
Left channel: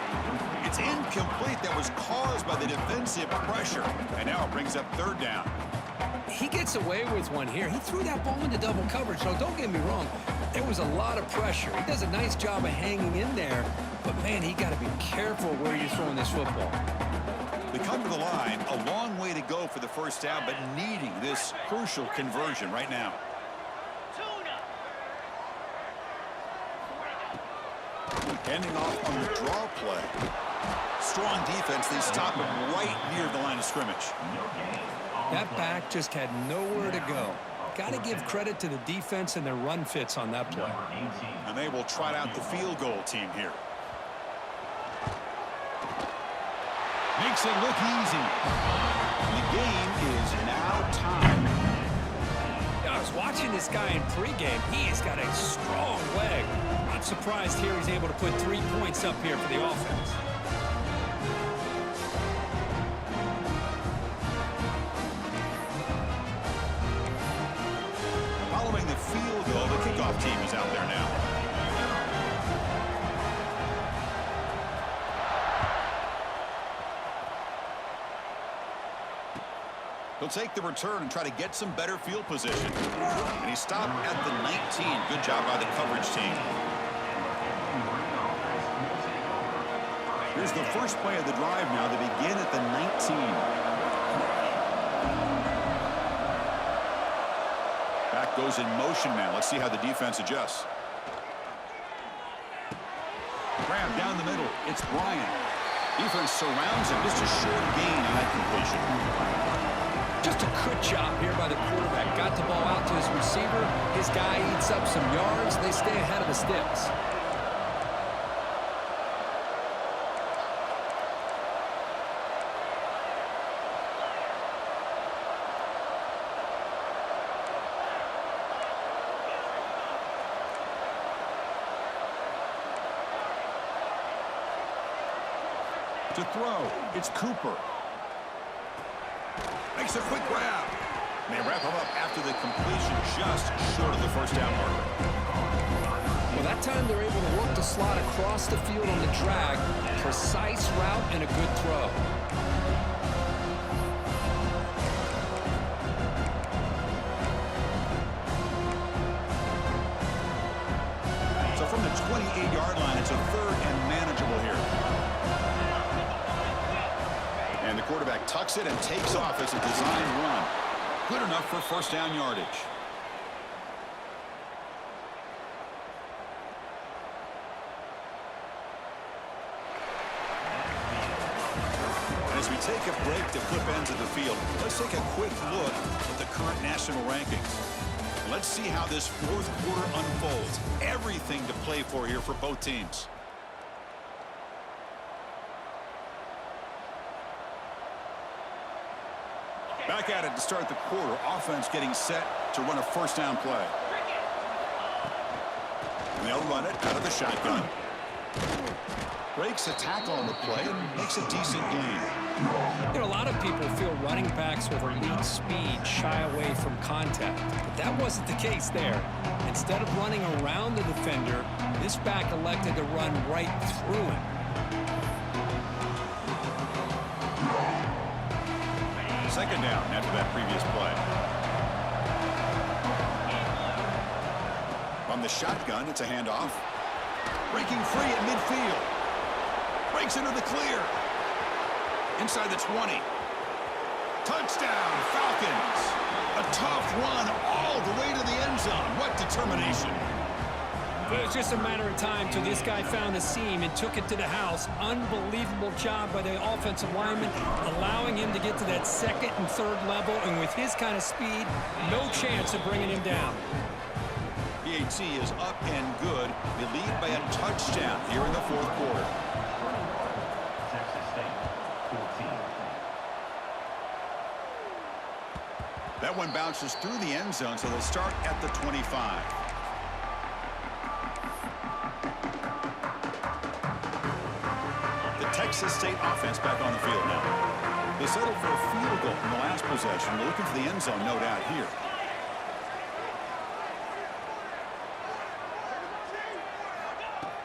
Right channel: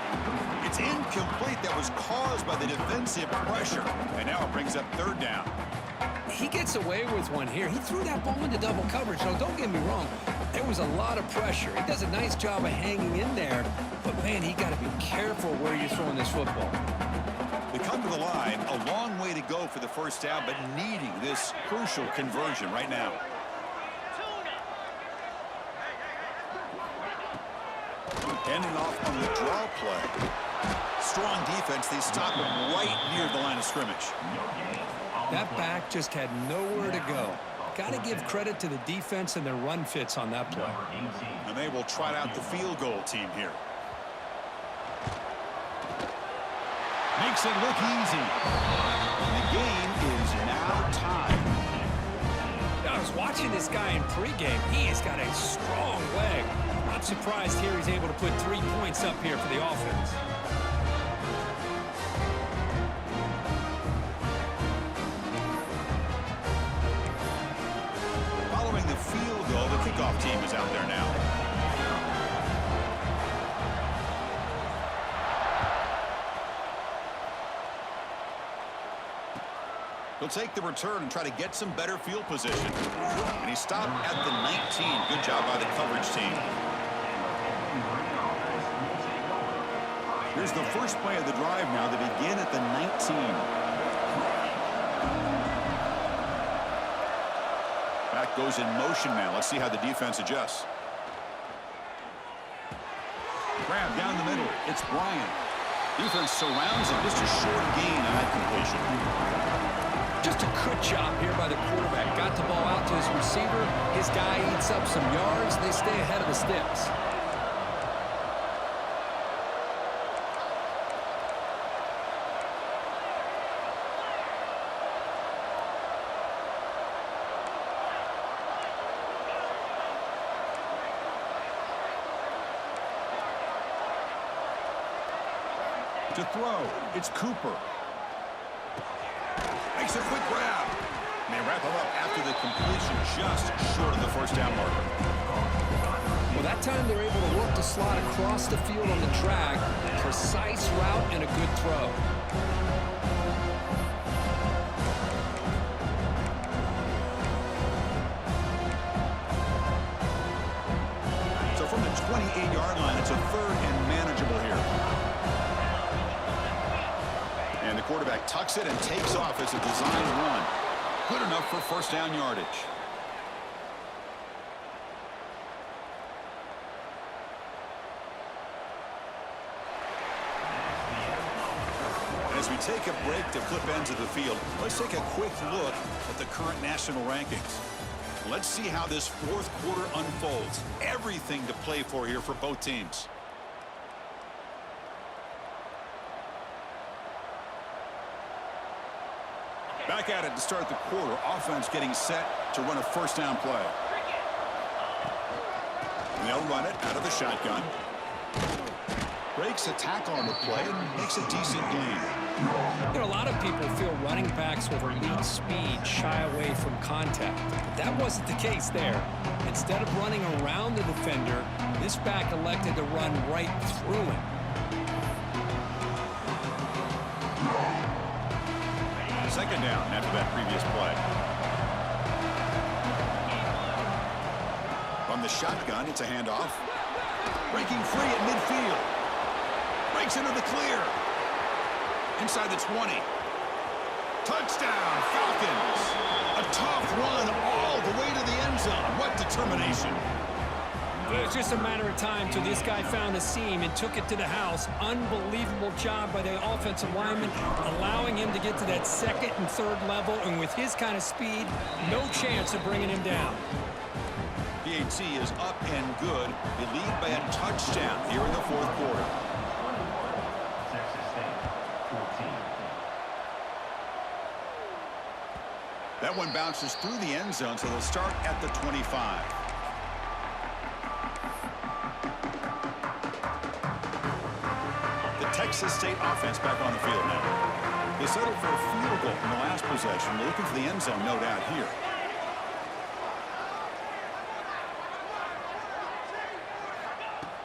It's incomplete. That was caused by the defensive pressure. And now it brings up third down. He gets away with one here. He threw that ball into double coverage. Now, don't get me wrong. There was a lot of pressure. He does a nice job of hanging in there. But, man, he got to be careful where you're throwing this football. They come to the line, a long way to go for the first down, but needing this crucial conversion right now. Ending off on the draw play. Strong defense. They stop him right near the line of scrimmage. That back just had nowhere to go. Got to give credit to the defense and their run fits on that play. And they will trot out the field goal team here. Makes it look easy. And the game is now tied. I was watching this guy in pregame. He has got a strong leg. Not surprised here he's able to put 3 points up here for the offense. Following the field goal, the kickoff team is out there now. He'll take the return and try to get some better field position. And he stopped at the 19. Good job by the coverage team. Here's the first play of the drive now. They begin at the 19. Back goes in motion now. Let's see how the defense adjusts. Grab down the middle. It's Bryant. Defense surrounds him. Just a short gain on that completion. Just a good job here by the quarterback. Got the ball out to his receiver. His guy eats up some yards. They stay ahead of the sticks. To throw, it's Cooper. Makes a quick grab. And they wrap him up after the completion, just short of the first down marker. Well, that time they're able to work the slot across the field on the drag. Precise route and a good throw. So from the 28-yard line, it's a third and manageable here. And the quarterback tucks it and takes off as a design run. Good enough for first down yardage. And as we take a break to flip ends of the field, let's take a quick look at the current national rankings. Let's see how this fourth quarter unfolds. Everything to play for here for both teams. Back at it to start the quarter. Offense getting set to run a first down play. And they'll run it out of the shotgun. Breaks a tackle on the play and makes a decent gain. You know, a lot of people feel running backs with elite speed shy away from contact. But that wasn't the case there. Instead of running around the defender, this back elected to run right through him. Second down after that previous play. From the shotgun, it's a handoff. Breaking free at midfield. Breaks into the clear. Inside the 20. Touchdown, Falcons. A tough run all the way to the end zone. What determination. It was just a matter of time till this guy found a seam and took it to the house. Unbelievable job by the offensive lineman, allowing him to get to that second and third level, and with his kind of speed, no chance of bringing him down. PAT is up and good. They lead by a touchdown here in the fourth quarter. Texas State, 14. That one bounces through the end zone, so they'll start at the 25. Texas State offense back on the field now. They settled for a field goal in the last possession. They're looking for the end zone, no doubt, here.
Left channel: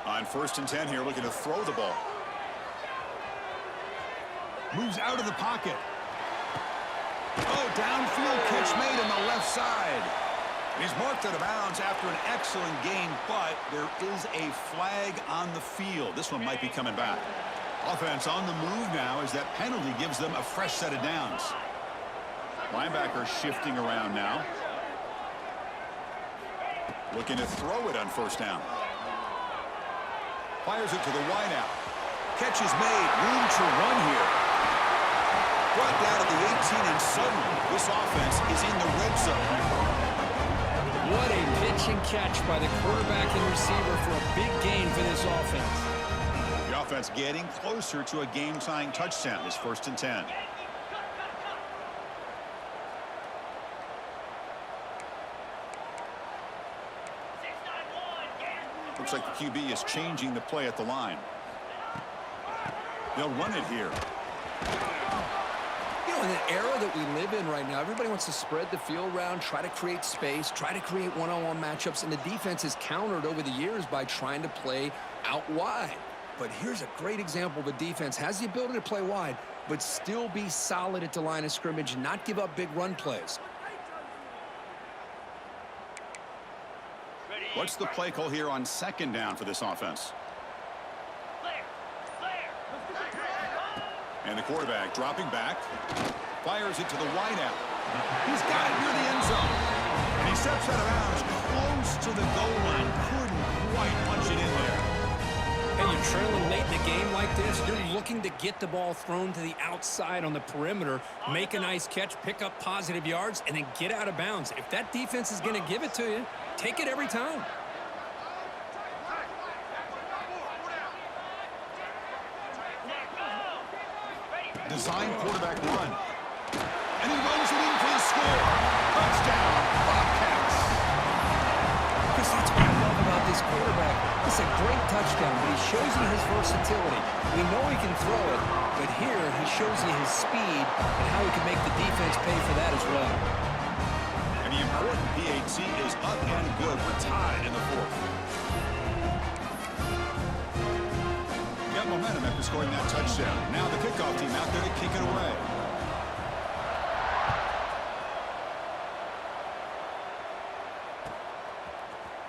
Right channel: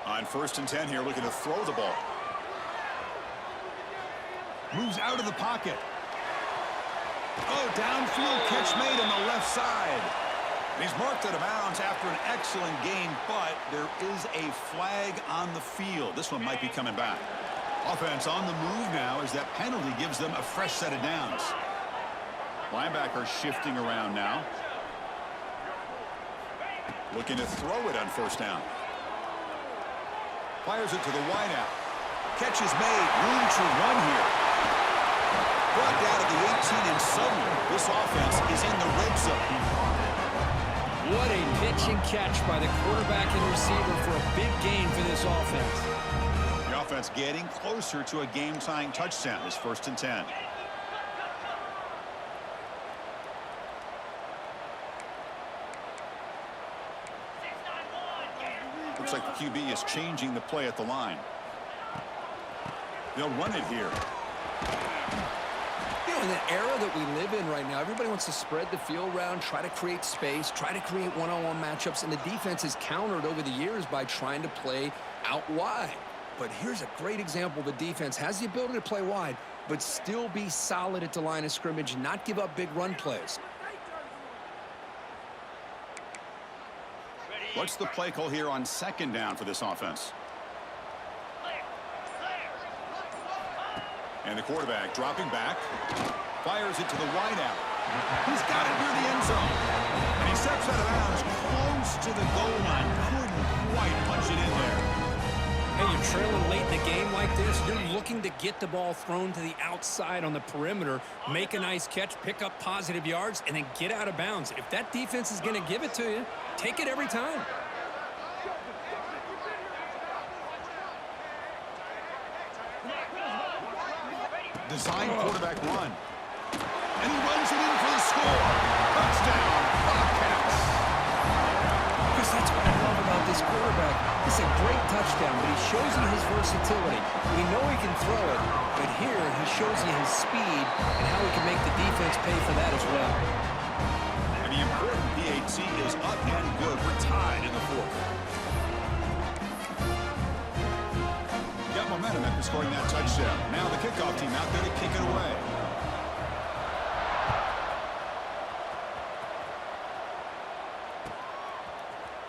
On 1st and 10 here, looking to throw the ball. Moves out of the pocket. Oh, downfield catch made on the left side. And he's marked out of bounds after an excellent gain, but there is a flag on the field. This one might be coming back. Offense on the move now as that penalty gives them a fresh set of downs. Linebacker shifting around now. Looking to throw it on first down. Fires it to the wideout. Catch is made. Room to run here. Brought down at the 18, and suddenly this offense is in the red zone. What a pitch and catch by the quarterback and receiver for a big gain for this offense. The offense getting closer to a game-tying touchdown. It's 1st and 10. Looks like the QB is changing the play at the line. They'll run it here. You know, in the era that we live in right now, everybody wants to spread the field around, try to create space, try to create one-on-one matchups, and the defense is countered over the years by trying to play out wide. But here's a great example. The defense has the ability to play wide, but still be solid at the line of scrimmage and not give up big run plays. What's the play call here on second down for this offense? And the quarterback dropping back, fires it to the wideout. He's got it near the end zone. And he steps out of bounds close to the goal line. Couldn't quite punch it in there. Hey, you're trailing late in the game like this. You're looking to get the ball thrown to the outside on the perimeter, make a nice catch, pick up positive yards, and then get out of bounds. If that defense is going to give it to you, take it every time. Design quarterback run. And he runs it in for the score. Touchdown, Bobcats. Chris, that's what I love about this quarterback. It's a great touchdown, but he shows you his versatility. We know he can throw it, but here he shows you his speed and how he can make the defense pay for that as well. And the important PAT is up and good. We're tied in the fourth. Got momentum after scoring that touchdown. Now the kickoff team out there to kick it away.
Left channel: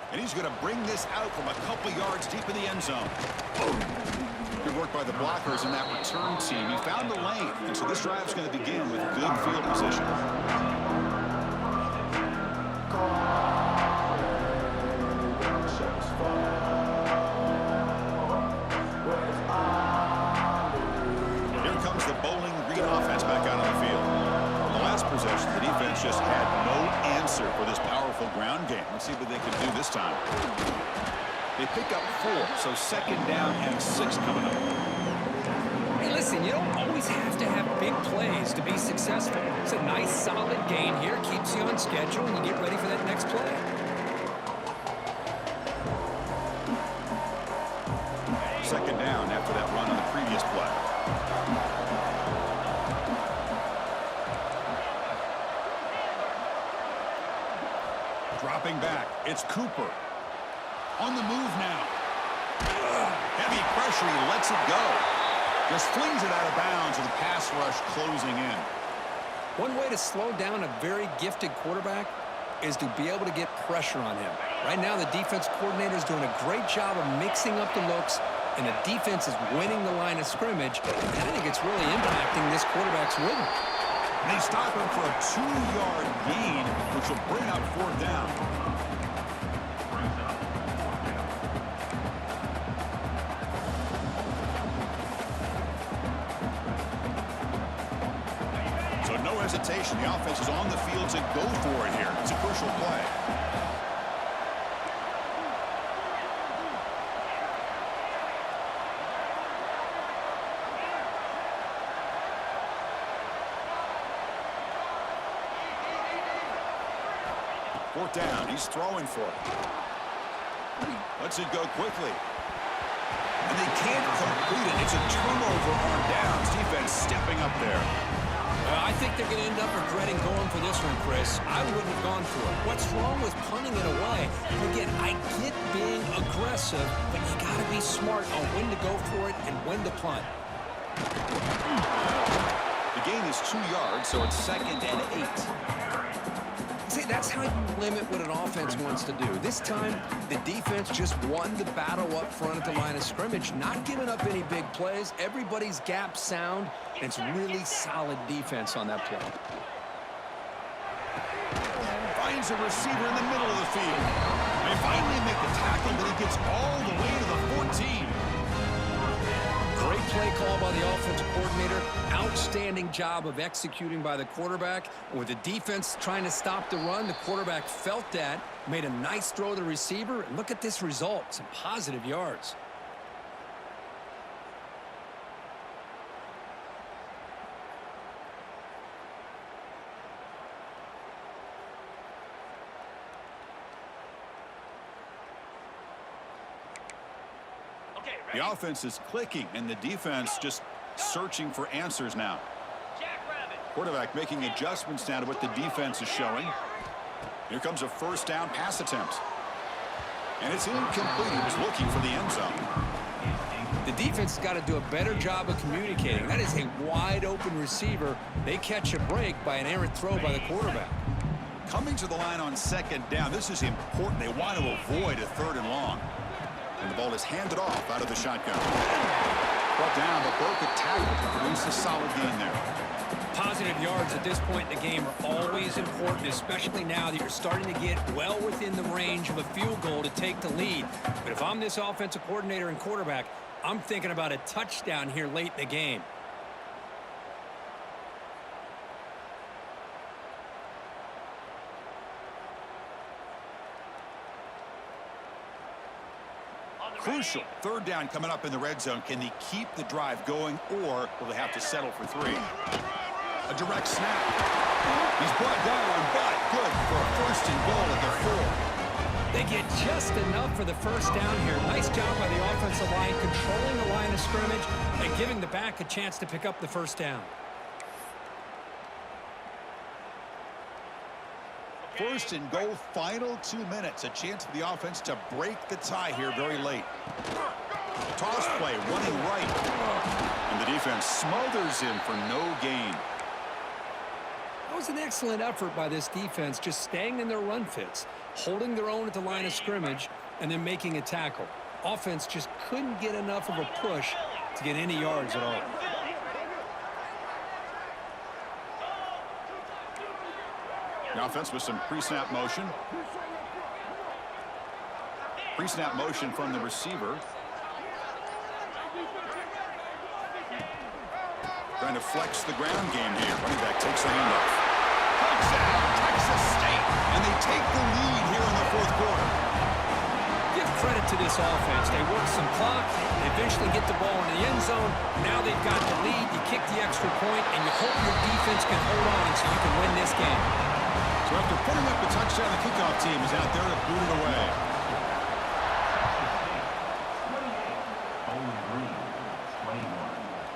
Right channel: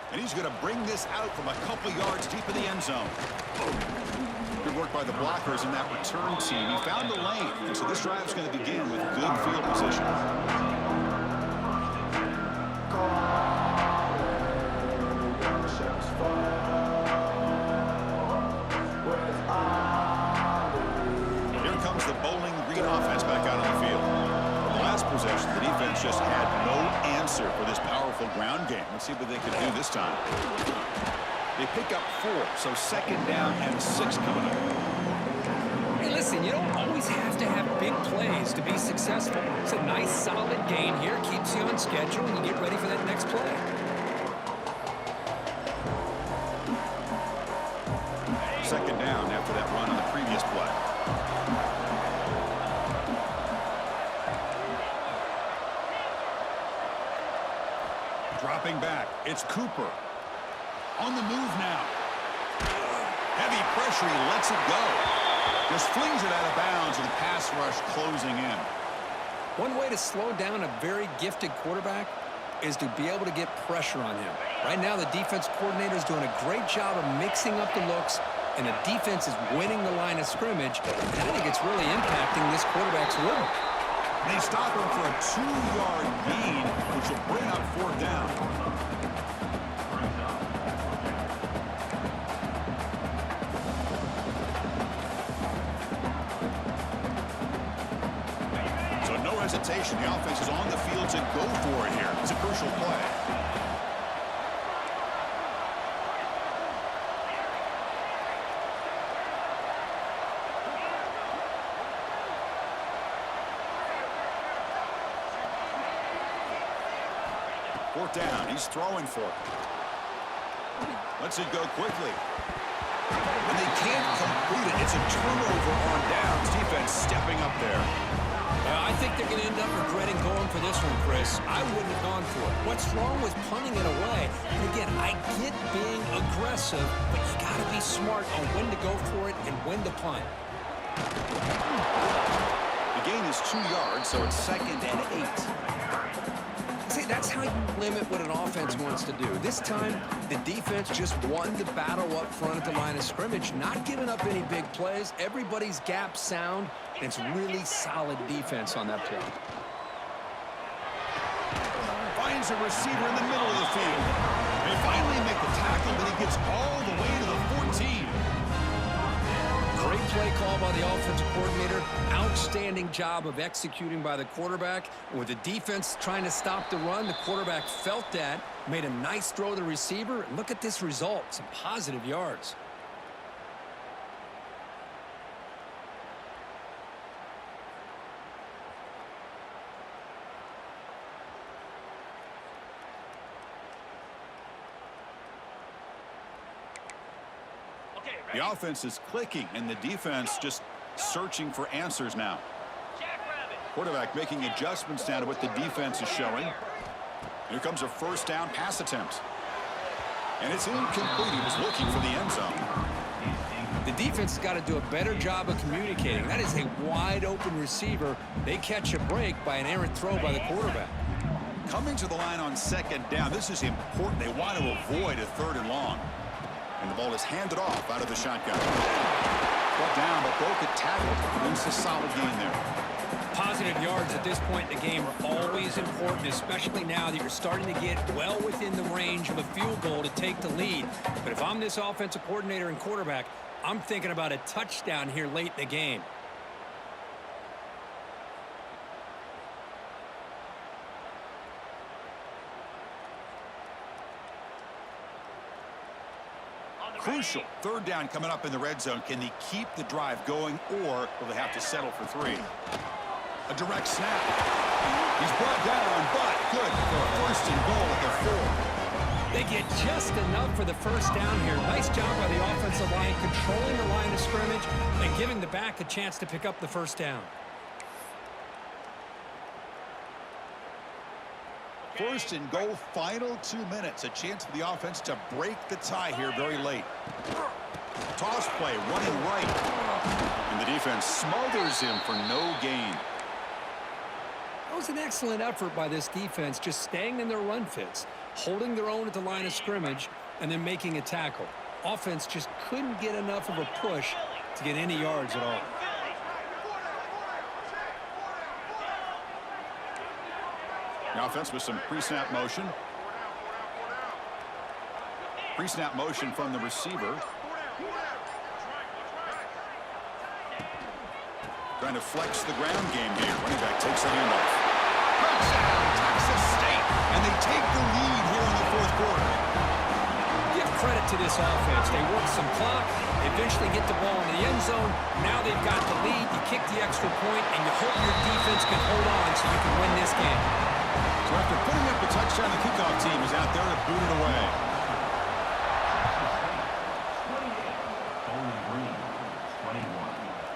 And he's going to bring this out from a couple yards deep in the end zone. Good work by the blockers in that return team. He found the lane, and so this drive is going to begin with good field position. Here comes the Bowling Green offense back out on the field. The last possession, the defense just had no answer for this powerful ground game. Let's see what they can do this time. They pick up 4, so second down and 6 coming up. Hey, listen, you don't always have to have big plays to be successful. It's a nice, solid gain here. Keeps you on schedule, and you get ready for that next play. Second down after that run on the previous play. Dropping back, it's Cooper. On the move now. Heavy pressure, he lets it go. Just flings it out of bounds with the pass rush closing in. One way to slow down a very gifted quarterback is to be able to get pressure on him. Right now, the defense coordinator is doing a great job of mixing up the looks, and the defense is winning the line of scrimmage. And I think it's really impacting this quarterback's rhythm. They stop him for a 2-yard gain, which will bring up 4th down. So no hesitation. The offense is on the field to go for it here. It's a crucial play. Fourth down, he's throwing for it. Lets it go quickly. And they can't complete it. It's a turnover on downs. Defense stepping up there. I think they're going to end up regretting going for this one, Chris. I wouldn't have gone for it. What's wrong with punting it away? And again, I get being aggressive, but you got to be smart on when to go for it and when to punt. The gain is 2 yards, so it's 2nd and 8. See, that's how you limit what an offense wants to do. This time, the defense just won the battle up front at the line of scrimmage, not giving up any big plays. Everybody's gap sound, and it's really solid defense on that play. Finds a receiver in the middle of the field. They finally make the tackle, but he gets all the way to the 14. Great play call by the offensive coordinator. Outstanding job of executing by the quarterback. And with the defense trying to stop the run, the quarterback felt that, made a nice throw to the receiver, and look at this result, some positive yards. The offense is clicking, and the defense just searching for answers now. Quarterback making adjustments now to what the defense is showing. Here comes a 1st down pass attempt. And it's incomplete. He was looking for the end zone. The defense has got to do a better job of communicating. That is a wide-open receiver. They catch a break by an errant throw by the quarterback. Coming to the line on second down, this is important. They want to avoid a 3rd and long. And the ball is handed off out of the shotgun. Brought down, but broke a tackle to produce a solid gain there. Positive yards at this point in the game are always important, especially now that you're starting to get well within the range of a field goal to take the lead. But if I'm this offensive coordinator and quarterback, I'm thinking about a touchdown here late in the game. Crucial. 3rd down coming up in the red zone. Can they keep the drive going, or will they have to settle for 3? A direct snap. He's brought down, but good for a 1st and goal at the 4. They get just enough for the 1st down here. Nice job by the offensive line, controlling the line of scrimmage and giving the back a chance to pick up the 1st down. 1st and goal, final 2 minutes. A chance for the offense to break the tie here very late. Toss play, running right. And the defense smothers him for no gain. That was an excellent effort by this defense, just staying in their run fits, holding their own at the line of scrimmage, and then making a tackle. Offense just couldn't get enough of a push to get any yards at all. The offense with some pre-snap motion. Pre-snap motion from the receiver. Trying to flex the ground game here. Running back takes the handoff. Touchdown, Texas State. And they take the lead here in the 4th quarter. Give credit to this offense. They work some clock. They eventually get the ball in the end zone. Now they've got the lead. You kick the extra point, and you hope your defense can hold on so you can win this game. So after putting up a touchdown, the kickoff team is out there to boot it away.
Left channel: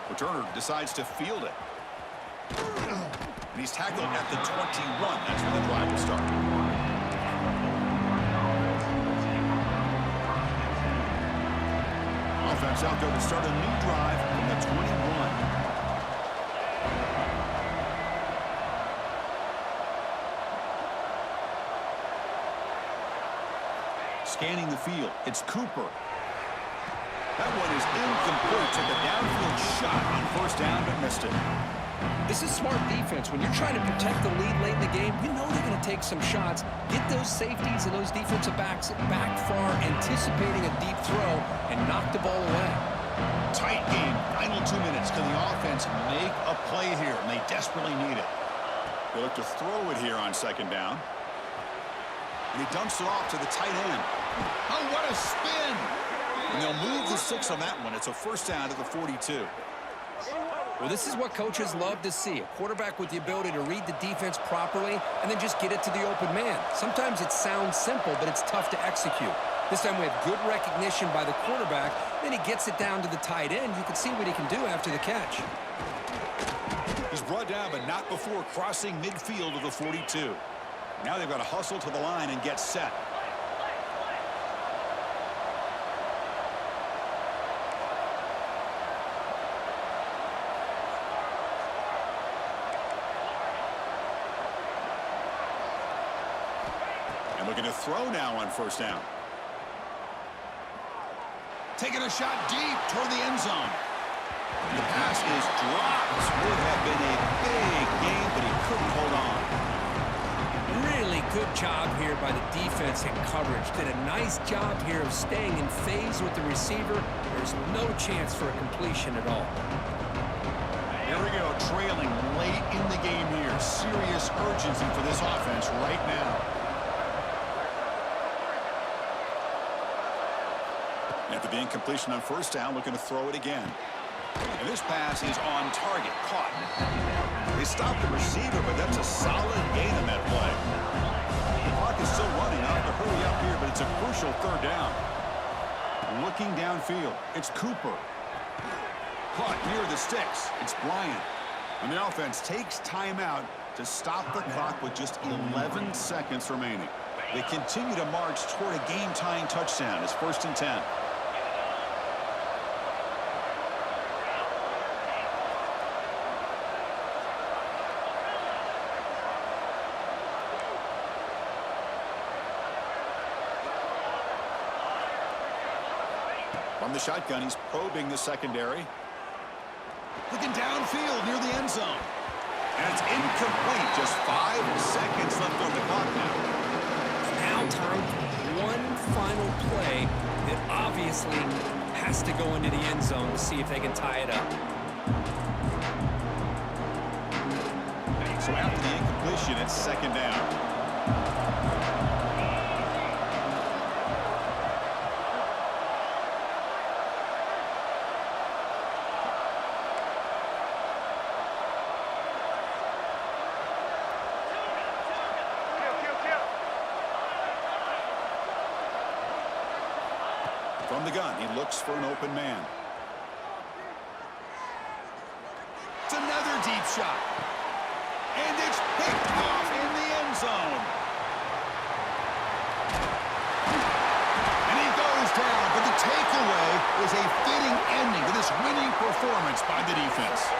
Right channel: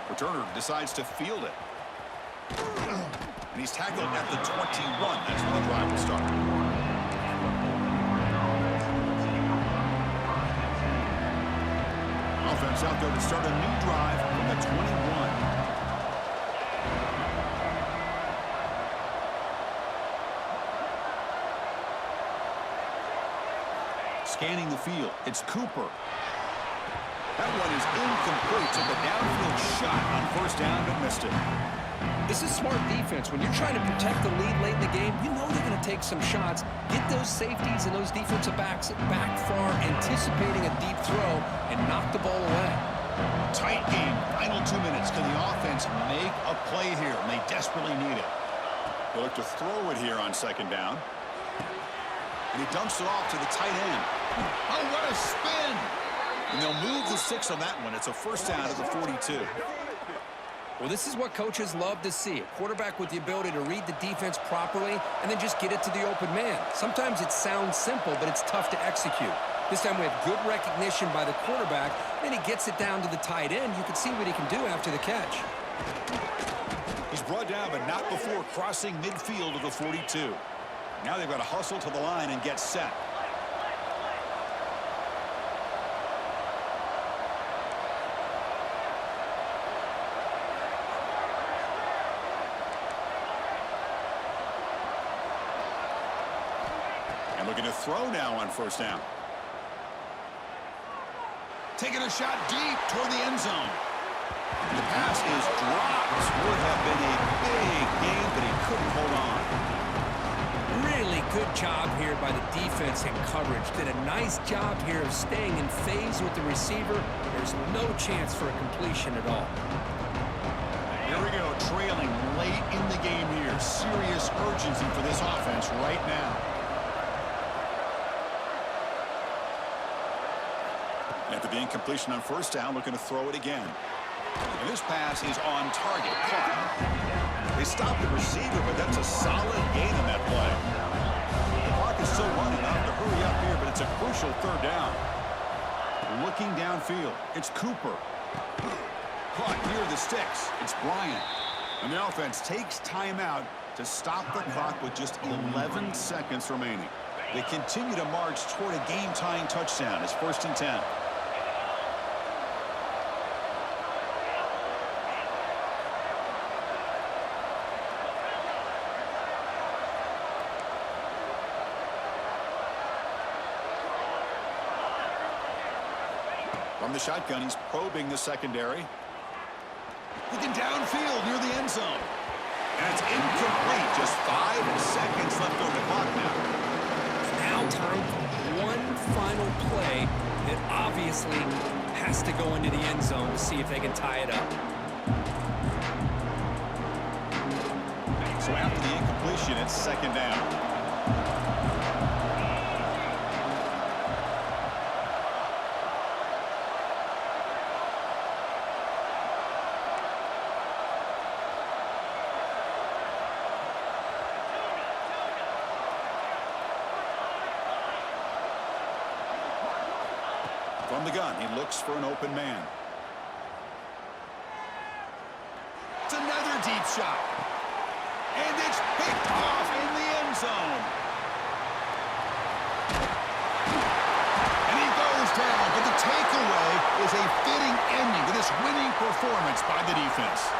Returner decides to field it. And he's tackled at the 21. That's where the drive will start. Offense out there to start a new drive from the 21. Scanning the field. It's Cooper. That one is incomplete. Took a downfield shot on 1st down, but missed it. This is smart defense. When you're trying to protect the lead late in the game, you know they're going to take some shots, get those safeties and those defensive backs back far, anticipating a deep throw, and knock the ball away. Tight game. Final 2 minutes. Can the offense make a play here? And they desperately need it. They look to throw it here on 2nd down. And he dumps it off to the tight end. Oh, what a spin! And they'll move the 6 on that one. It's a 1st down at the 42. Well, this is what coaches love to see. A quarterback with the ability to read the defense properly and then just get it to the open man. Sometimes it sounds simple, but it's tough to execute. This time we have good recognition by the quarterback. Then he gets it down to the tight end. You can see what he can do after the catch. He's brought down, but not before crossing midfield of the 42. Now they've got to hustle to the line and get set. And looking to throw now on 1st down. Taking a shot deep toward the end zone. And the pass is dropped. Would have been a big game, but he couldn't hold on. Really good job here by the defense in coverage. Did a nice job here of staying in phase with the receiver. There's no chance for a completion at all. Here we go, trailing late in the game here. Serious urgency for this offense right now. After the incompletion on 1st down, looking to throw it again. And this pass is on target, caught. They stopped the receiver, but that's a solid gain on that play. The clock is still running. I'll have to hurry up here, but it's a crucial 3rd down. Looking downfield, it's Cooper. Caught near the sticks. It's Bryant. And the offense takes timeout to stop the clock with just 11 seconds remaining. They continue to march toward a game-tying touchdown. It's 1st and 10. From the shotgun, he's probing the secondary. Looking downfield near the end zone. And it's incomplete. Just 5 seconds left on the clock now. Now time for one final play that obviously has to go into the end zone to see if they can tie it up. So after the incompletion, it's second down. From the gun, he looks for an open man. It's another deep shot. And it's picked off in the end zone. And he goes down, but the takeaway is a fitting ending to this winning performance by the defense.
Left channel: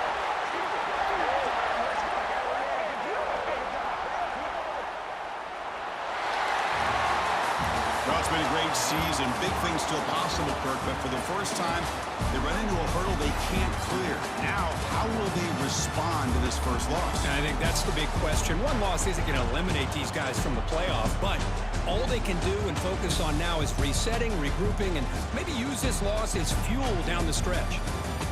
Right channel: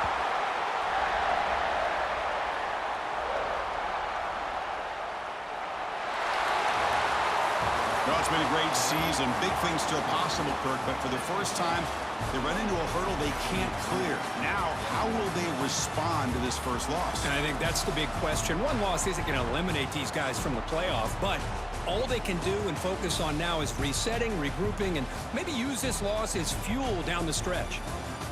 Well, it's been a great season. Big things still possible, Kirk, but for the first time, they run into a hurdle they can't clear. Now, how will they respond to this first loss? And I think that's the big question. One loss isn't going to eliminate these guys from the playoff, but all they can do and focus on now is resetting, regrouping, and maybe use this loss as fuel down the stretch.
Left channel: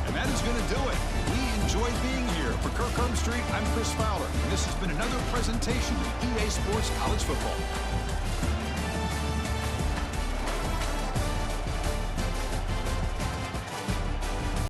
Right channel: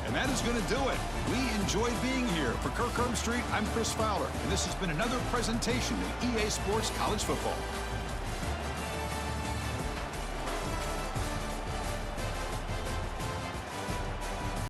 And that is going to do it. We enjoyed being here. For Kirk Herbstreit, I'm Chris Fowler, and this has been another presentation of EA Sports College Football.